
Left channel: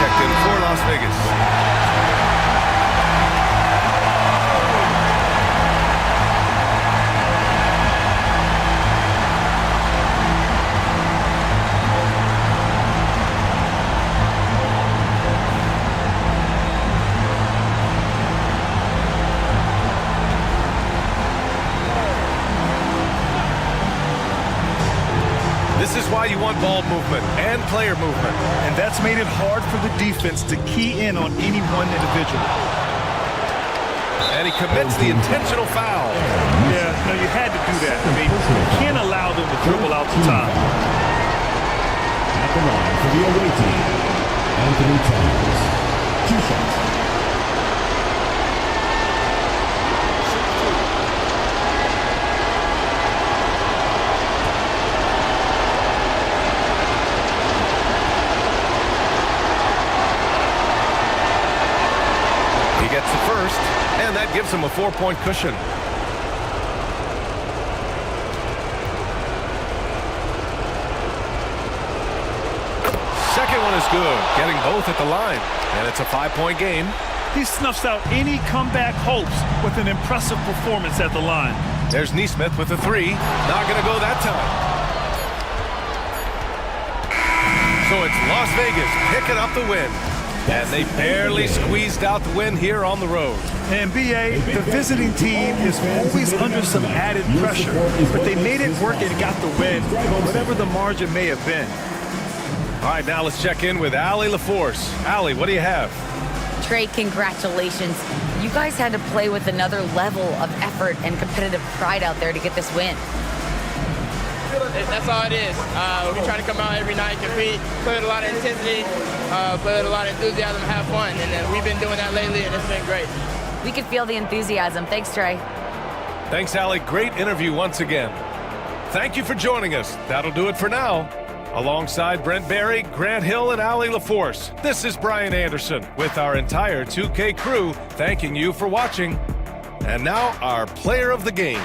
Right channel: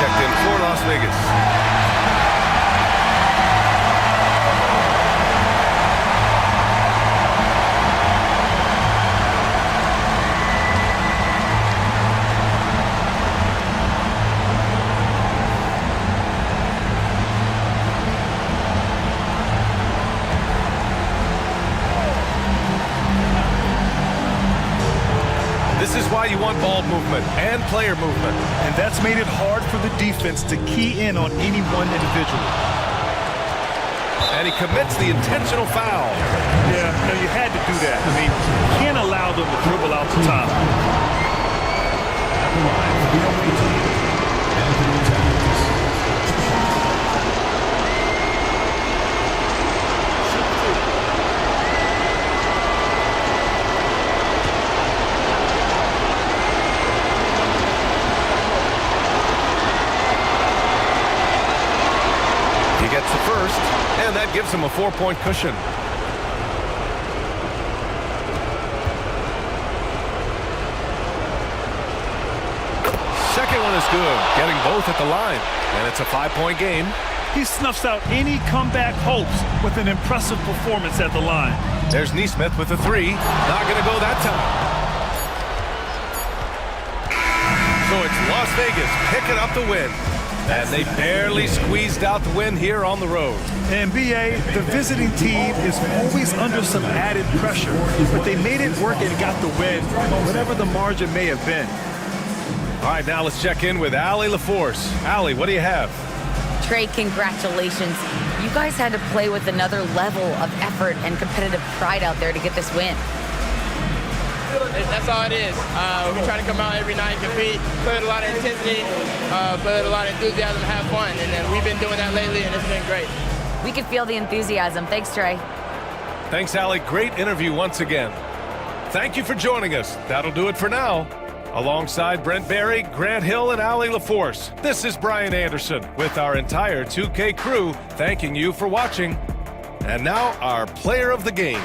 checked in for Las Vegas. This is why you want ball movement and player movement. And that's made it hard for the defense to key in on any one individual. And he commits the intentional foul. Yeah, no, you had to do that. I mean, you can't allow them to dribble out the top. At the line for the away team, Anthony Towns. 2 shots. He gets the first, and that gives him a 4-point cushion. Second one is good, getting both at the line, and it's a 5-point game. He snuffs out any comeback hopes with an impressive performance at the line. There's Neesmith with a 3. Not going to go that time. So it's Las Vegas picking up the win. And they barely squeezed out the win here on the road. And B.A., the visiting team is always under some added pressure, but they made it work and got the win, whatever the margin may have been. All right, now let's check in with Allie LaForce. Allie, what do you have? Trey, congratulations. You guys had to play with another level of effort and competitive pride out there to get this win. That's all it is. We try to come out every night, compete, play with a lot of intensity, play with a lot of enthusiasm, have fun. And we've been doing that lately, and it's been great. We could feel the enthusiasm. Thanks, Trey. Thanks, Allie. Great interview once again. Thank you for joining us. That'll do it for now. Alongside Brent Barry, Grant Hill, and Allie LaForce, this is Brian Anderson with our entire 2K crew thanking you for watching. And now our player of the game.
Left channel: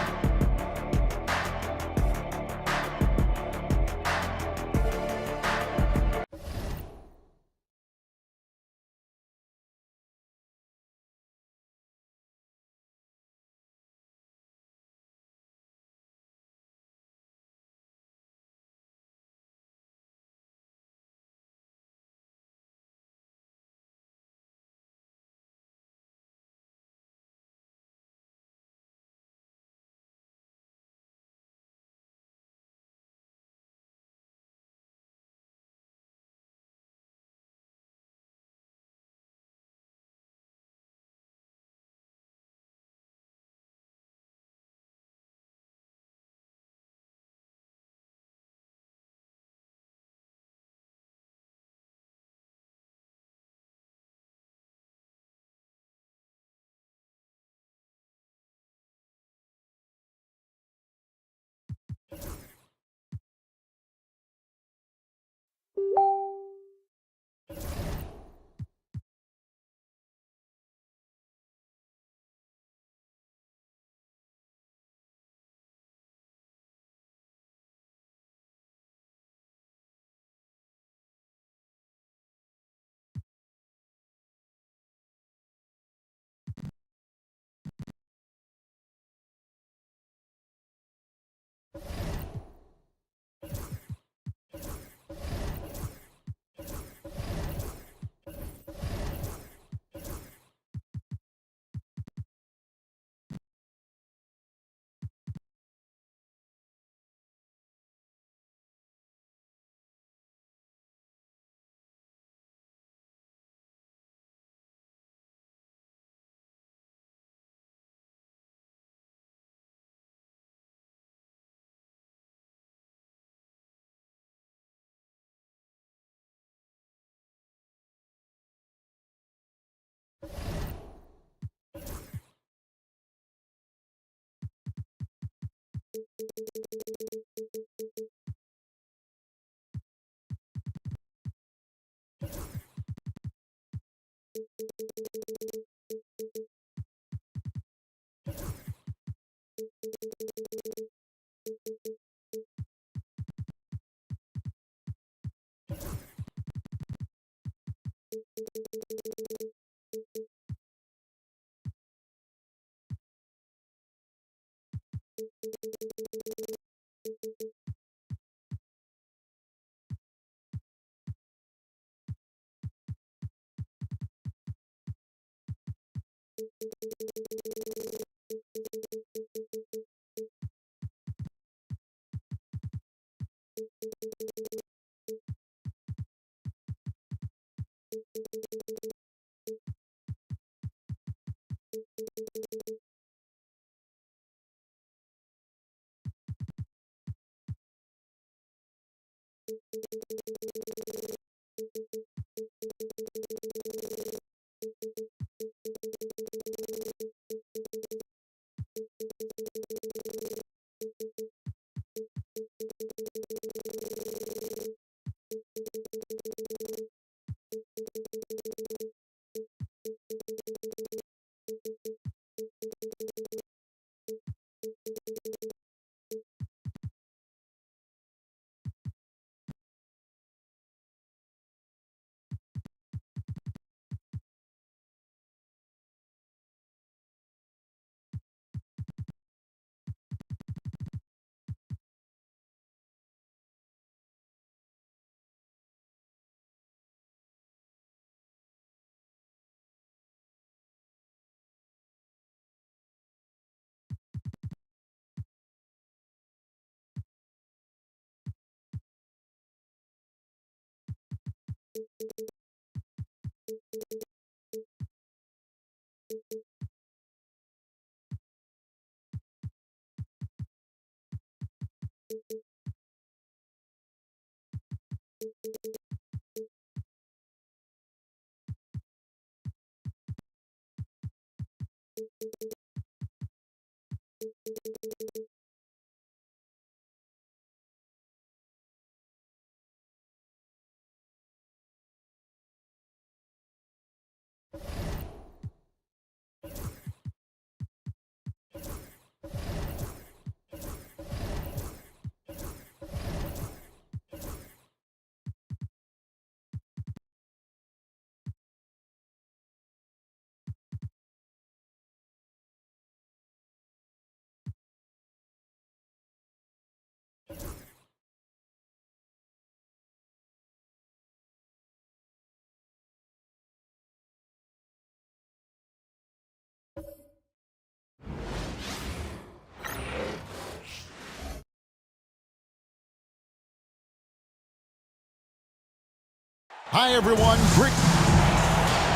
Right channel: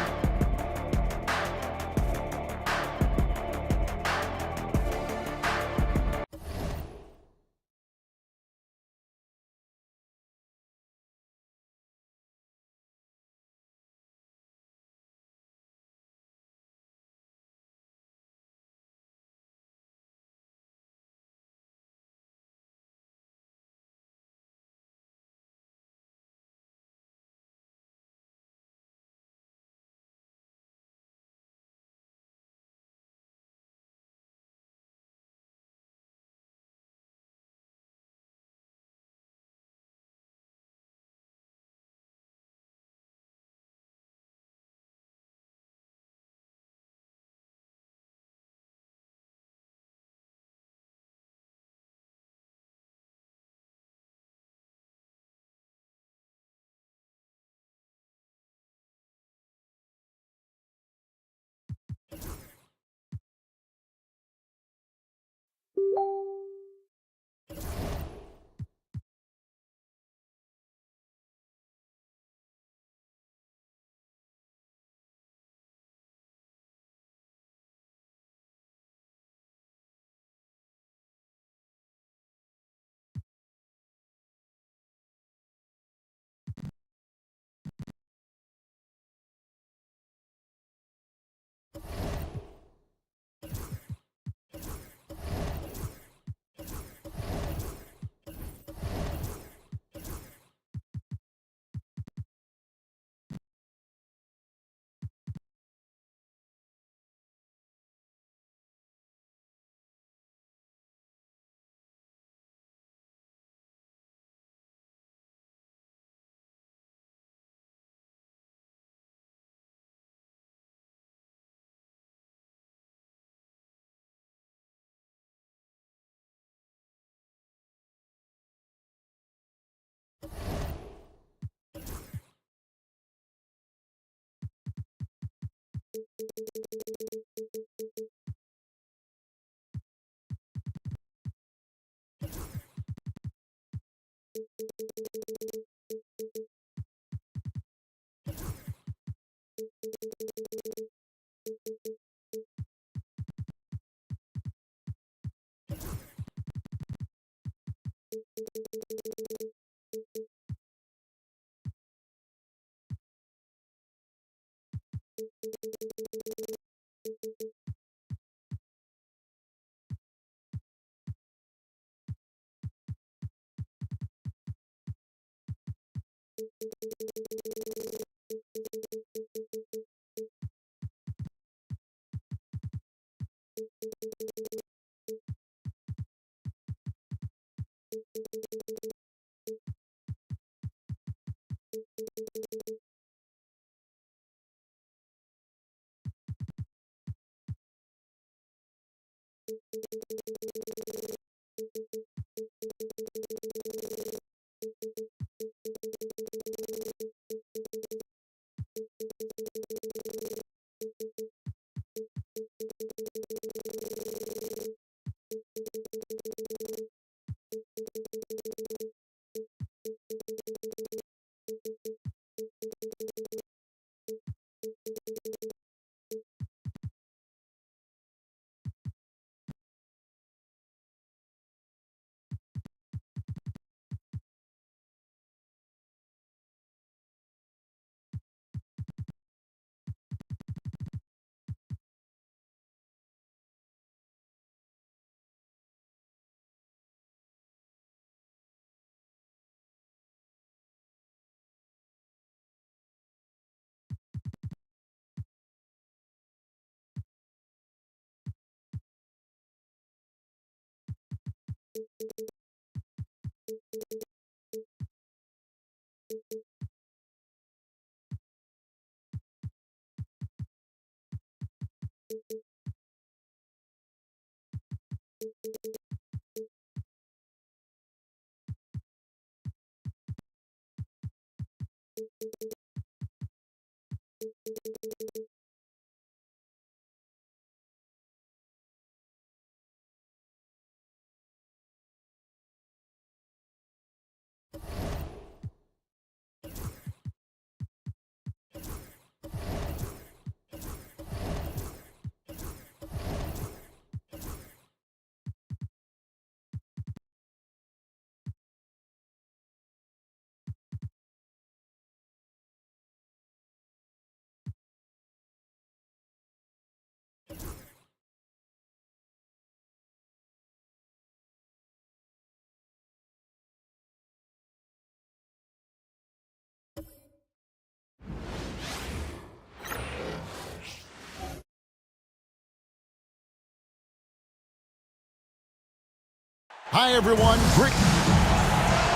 Hi, everyone. Great.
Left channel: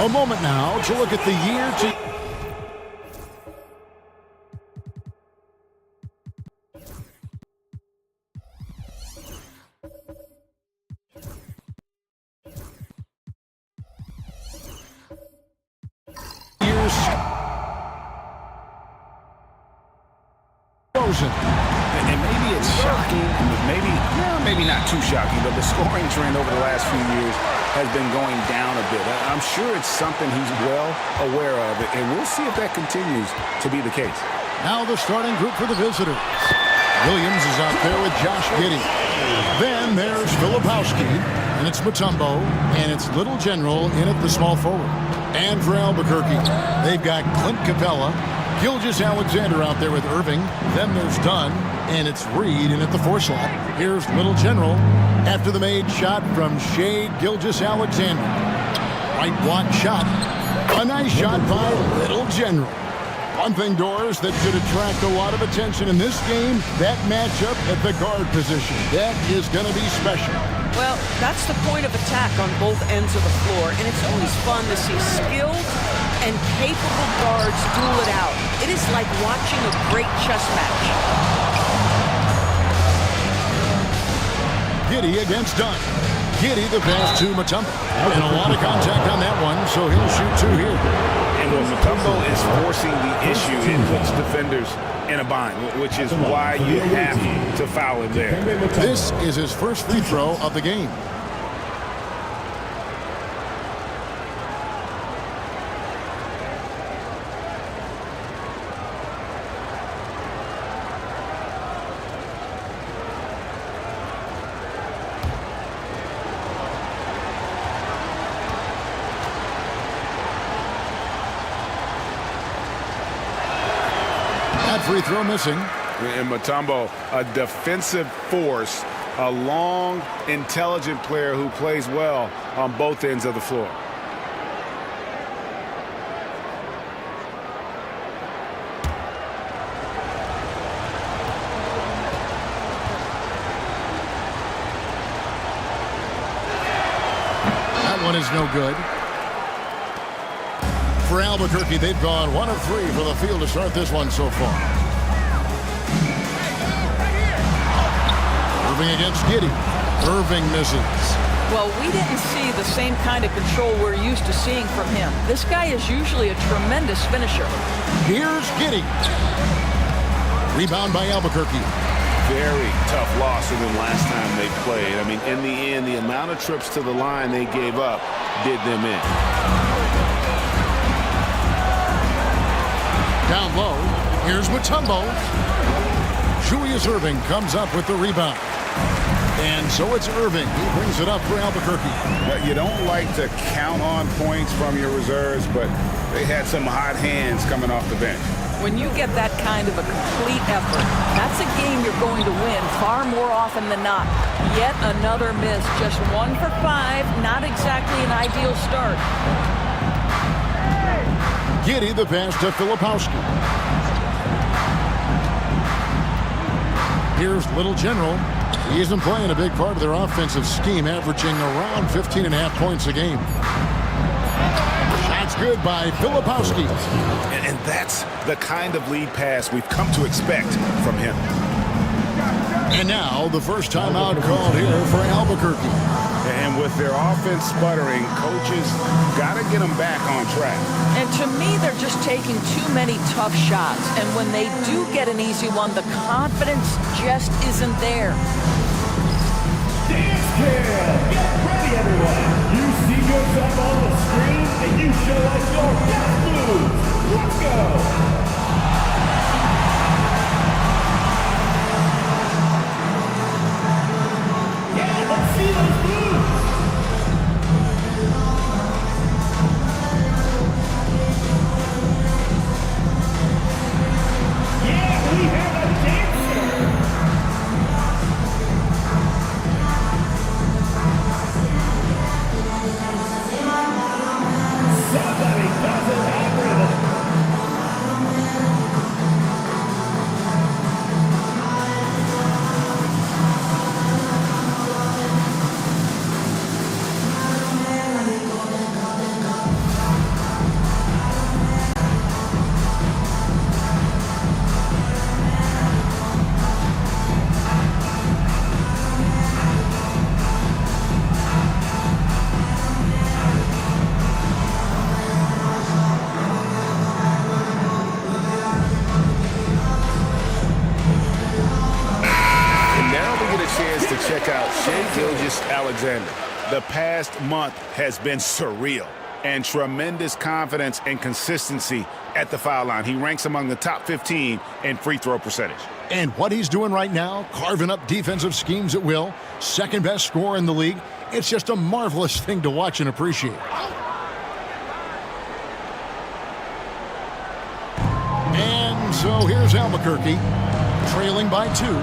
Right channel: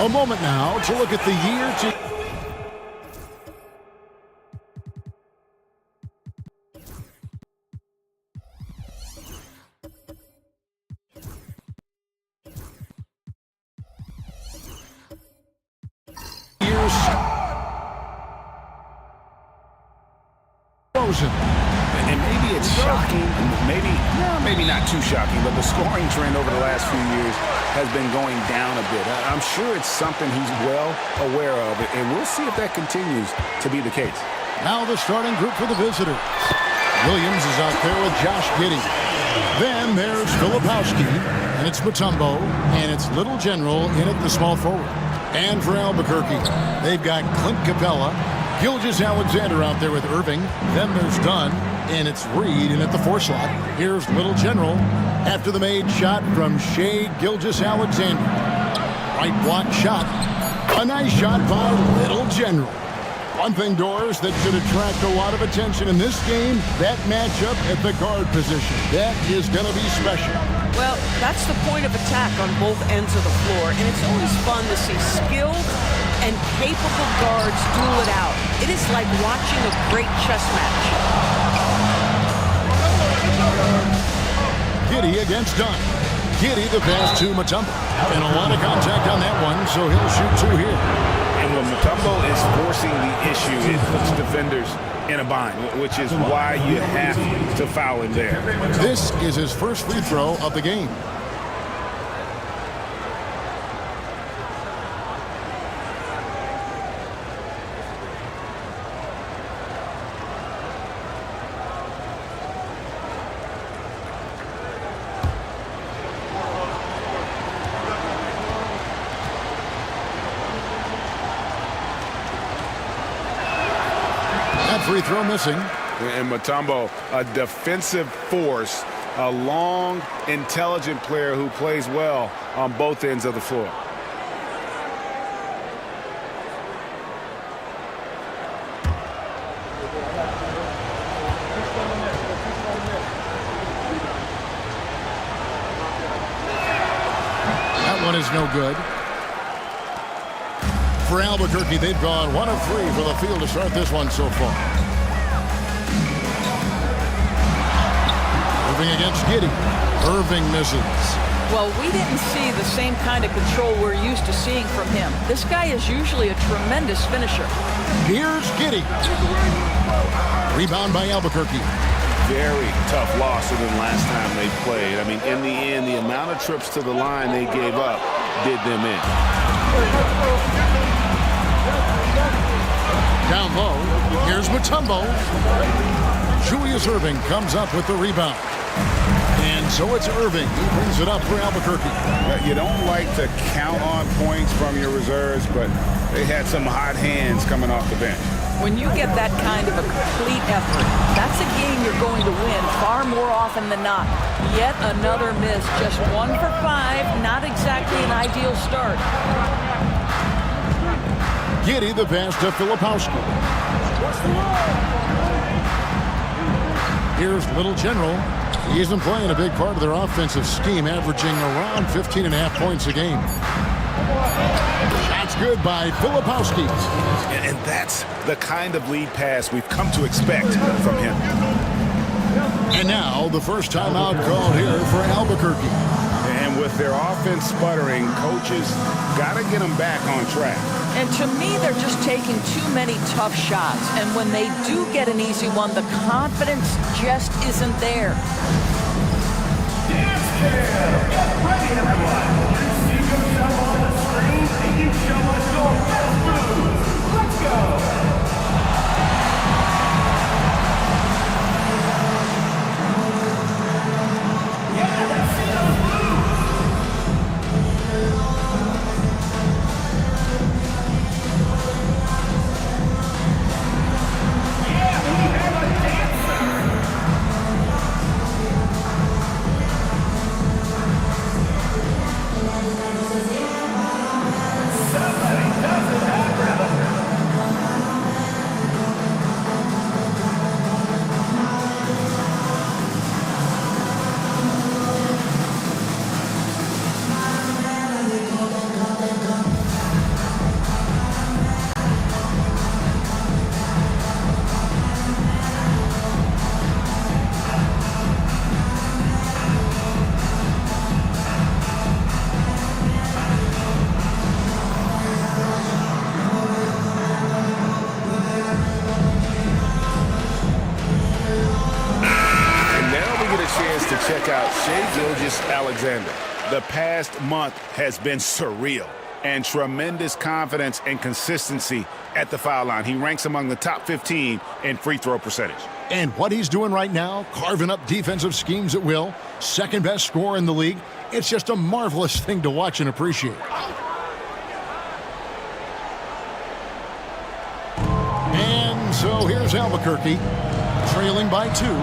A moment now to look at the year to. Years. Frozen. And maybe it's shocking, maybe not too shocking, but the scoring trend over the last few years has been going down a bit. I'm sure it's something he's well aware of, and we'll see if that continues to be the case. Now the starting group for the visitors. Williams is out there with Josh Giddey. Then there's Filipowski, and it's Mutombo, and it's Little General in at the small forward. And for Albuquerque, they've got Clint Capella, Gilgeous-Alexander out there with Irving. Then there's Dunn, and it's Reed in at the 4 slot. Here's Little General after the made shot from Shea Gilgeous-Alexander. Right block shot. A nice shot by Little General. One thing, Doors, that should attract a lot of attention in this game, that matchup at the guard position. That is going to be special. Well, that's the point of attack on both ends of the floor, and it's always fun to see skilled and capable guards duel it out. It is like watching a great chess match. Giddey against Dunn. Giddey the pass to Mutombo. And a lot of contact on that one, so he'll shoot 2 here. And when Mutombo is forcing the issue, it puts defenders in a bind, which is why you have to foul him there. This is his first free throw of the game. That free throw missing. And Mutombo, a defensive force, a long, intelligent player who plays well on both ends of the floor. That one is no good. For Albuquerque, they've gone 1 of 3 for the field to start this one so far. Moving against Giddey. Irving misses. Well, we didn't see the same kind of control we're used to seeing from him. This guy is usually a tremendous finisher. Here's Giddey. Rebound by Albuquerque. Very tough loss than last time they played. I mean, in the end, the amount of trips to the line they gave up did them in. Down low, here's Mutombo. Julius Irving comes up with the rebound. And so it's Irving. He brings it up for Albuquerque. You don't like to count on points from your reserves, but they had some hot hands coming off the bench. When you get that kind of a complete effort, that's a game you're going to win far more often than not. Yet another miss, just 1 for 5, not exactly an ideal start. Giddey the pass to Filipowski. Here's Little General. He isn't playing a big part of their offensive scheme, averaging around 15.5 points a game. Shot's good by Filipowski. And that's the kind of lead pass we've come to expect from him. And now the first timeout called here for Albuquerque. And with their offense sputtering, coaches got to get them back on track. And to me, they're just taking too many tough shots. And when they do get an easy one, the confidence just isn't there. Dance Cam! Get ready, everyone! You see yourself on the screen, and you show us your best moves! Let's go! Yeah, let's see those moves! Yeah, we have a dancer! Somebody doesn't have rhythm. Get a chance to check out Shai Gilgeous-Alexander. The past month has been surreal and tremendous confidence and consistency at the foul line. He ranks among the top 15 in free throw percentage. And what he's doing right now, carving up defensive schemes at will, second best scorer in the league. It's just a marvelous thing to watch and appreciate. And so here's Albuquerque, trailing by 2.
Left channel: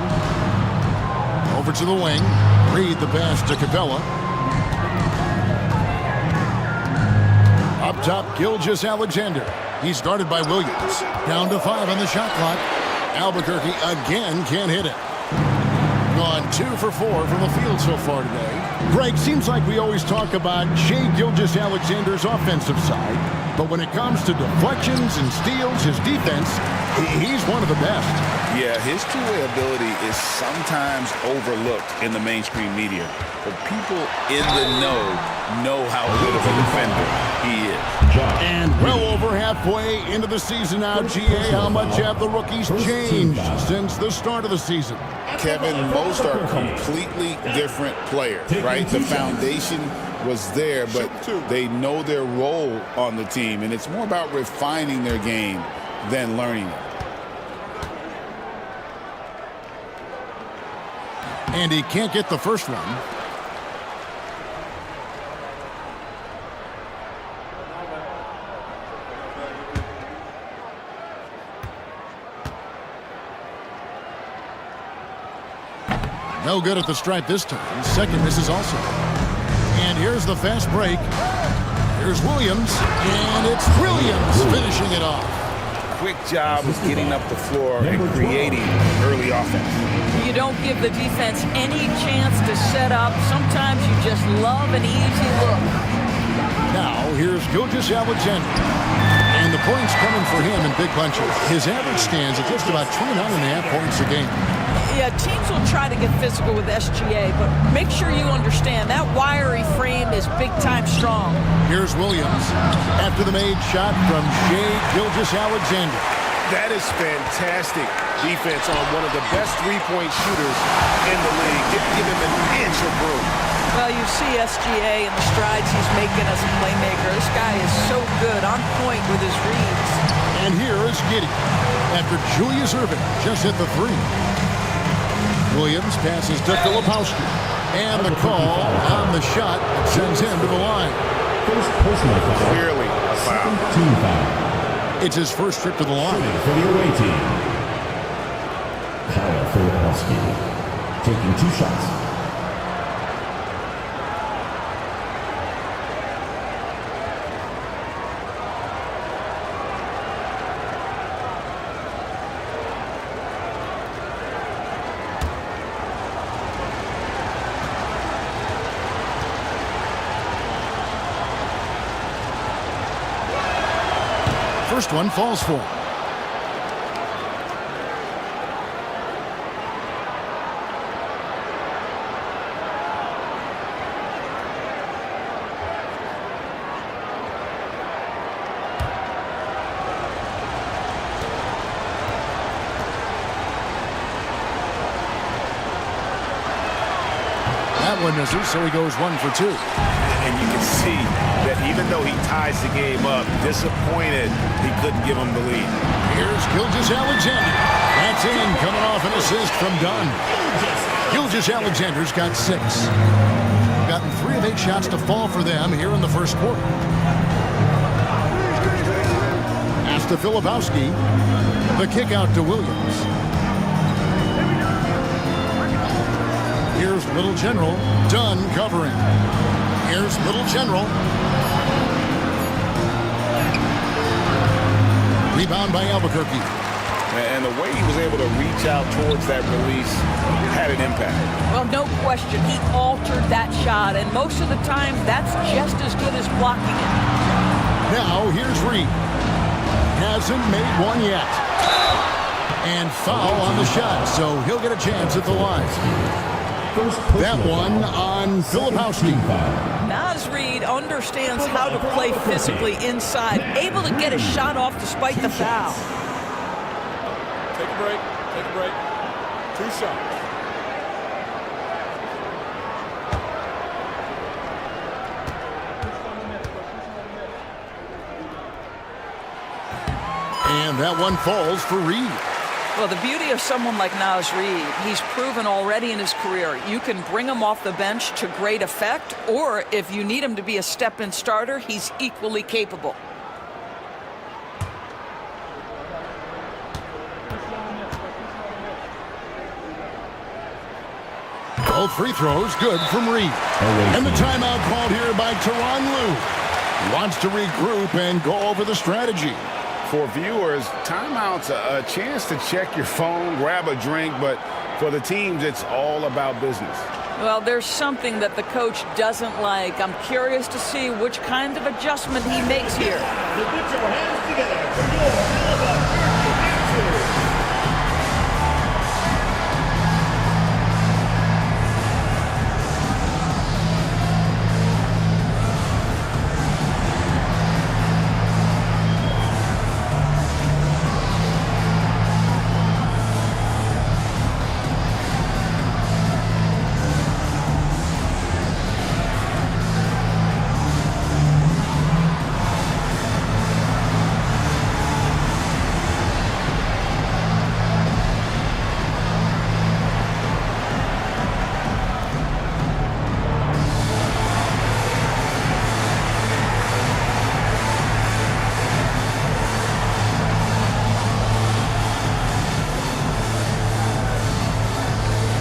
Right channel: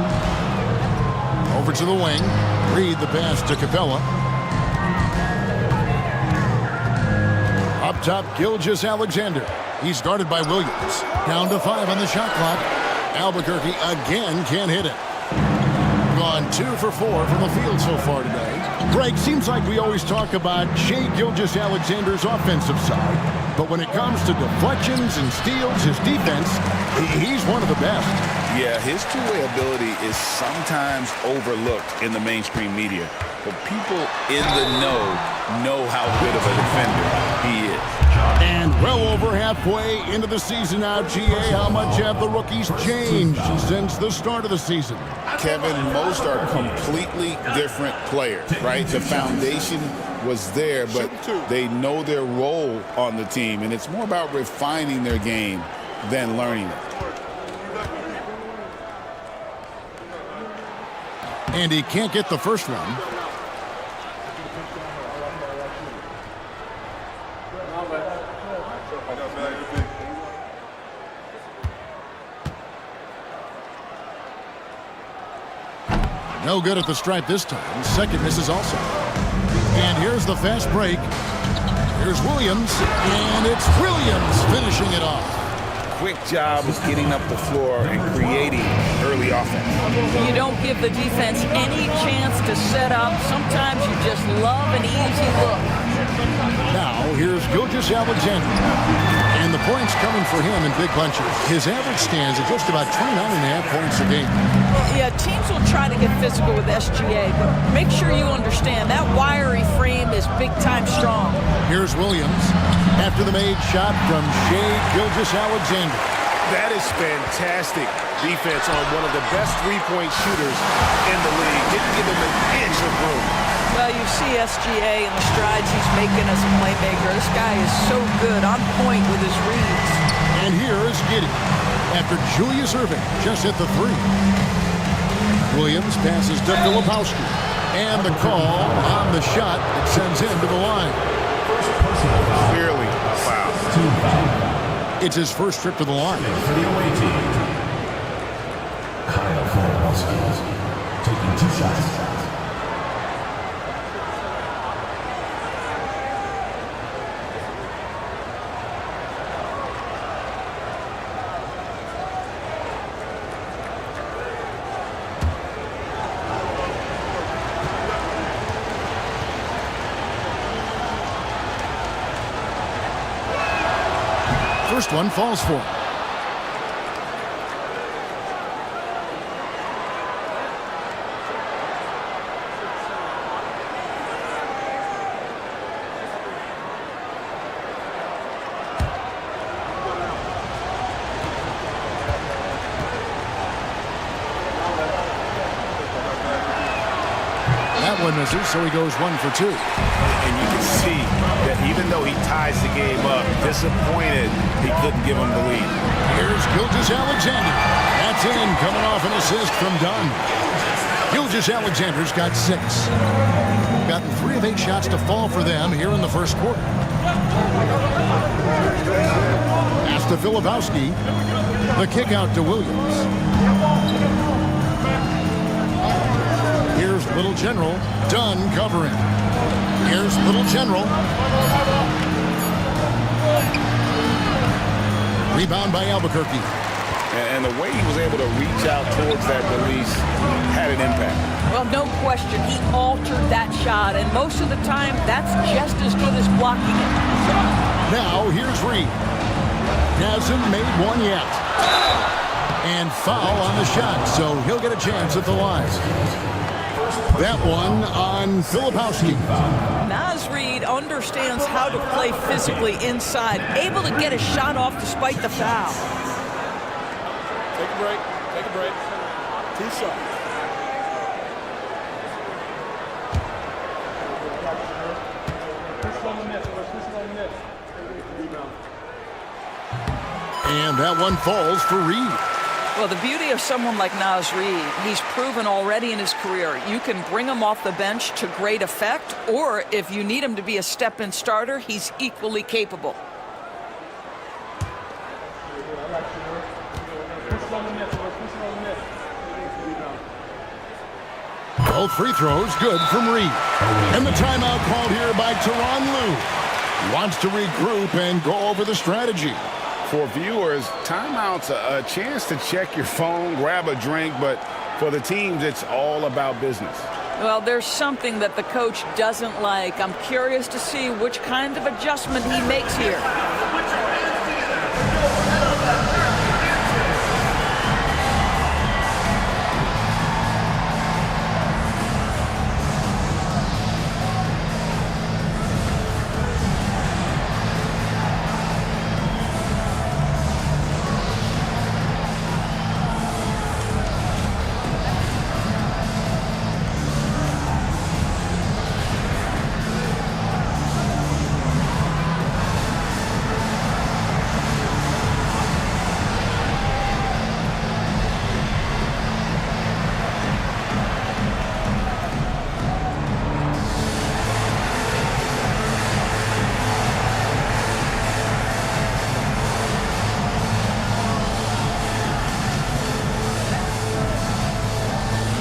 Over to the wing. Reed the pass to Capella. Up top, Gilgeous-Alexander. He's guarded by Williams. Down to 5 on the shot clock. Albuquerque again can't hit it. Gone 2 for 4 from the field so far today. Greg, seems like we always talk about Shai Gilgeous-Alexander's offensive side, but when it comes to deflections and steals, his defense, he's one of the best. Yeah, his two-way ability is sometimes overlooked in the mainstream media, but people in the know how good of a defender he is. And well over halfway into the season now, GA, how much have the rookies changed since the start of the season? Kevin, most are completely different players, right? The foundation was there, but they know their role on the team, and it's more about refining their game than learning it. And he can't get the first one. No good at the stripe this time. Second misses also. And here's the fast break. Here's Williams, and it's Williams finishing it off. Quick job of getting up the floor and creating early offense. You don't give the defense any chance to set up. Sometimes you just love an easy look. Now, here's Gilgeous-Alexander. And the points coming for him in big bunches. His average stands at just about 29.5 points a game. Yeah, teams will try to get physical with SGA, but make sure you understand that wiry frame is big-time strong. Here's Williams after the made shot from Shai Gilgeous-Alexander. That is fantastic defense on one of the best three-point shooters in the league. Didn't give him an inch of room. Well, you see SGA and the strides he's making as a playmaker. This guy is so good, on point with his reads. And here is Giddey after Julius Erving just hit the three. Williams passes to Filipowski. And the call on the shot that sends him to the line. First personal foul. Clearly a foul. Team foul. It's his first trip to the line. For the away team, Kyle Filipowski taking 2 shots. First one falls for him. That one misses, so he goes 1 for 2. And you can see that even though he ties the game up, disappointed he couldn't give him the lead. Here's Gilgeous-Alexander. That's in, coming off an assist from Dunn. Gilgeous-Alexander's got 6. Gotten 3 of 8 shots to fall for them here in the first quarter. Pass to Filipowski. The kick out to Williams. Here's Little General. Dunn covering. Here's Little General. Rebound by Albuquerque. And the way he was able to reach out towards that release had an impact. Well, no question. He altered that shot, and most of the time, that's just as good as blocking it. Now, here's Reed. Hasn't made one yet. And foul on the shot, so he'll get a chance at the line. That one on Filipowski. Naz Reid understands how to play physically inside, able to get a shot off despite the foul. Take a break. Take a break. 2 shots. And that one falls for Reed. Well, the beauty of someone like Naz Reid, he's proven already in his career, you can bring him off the bench to great effect, or if you need him to be a step-in starter, he's equally capable. Both free throws good from Reed. And the timeout called here by Tyronn Lue. He wants to regroup and go over the strategy. For viewers, timeout's a chance to check your phone, grab a drink, but for the teams, it's all about business. Well, there's something that the coach doesn't like. I'm curious to see which kind of adjustment he makes here. Put your hands together.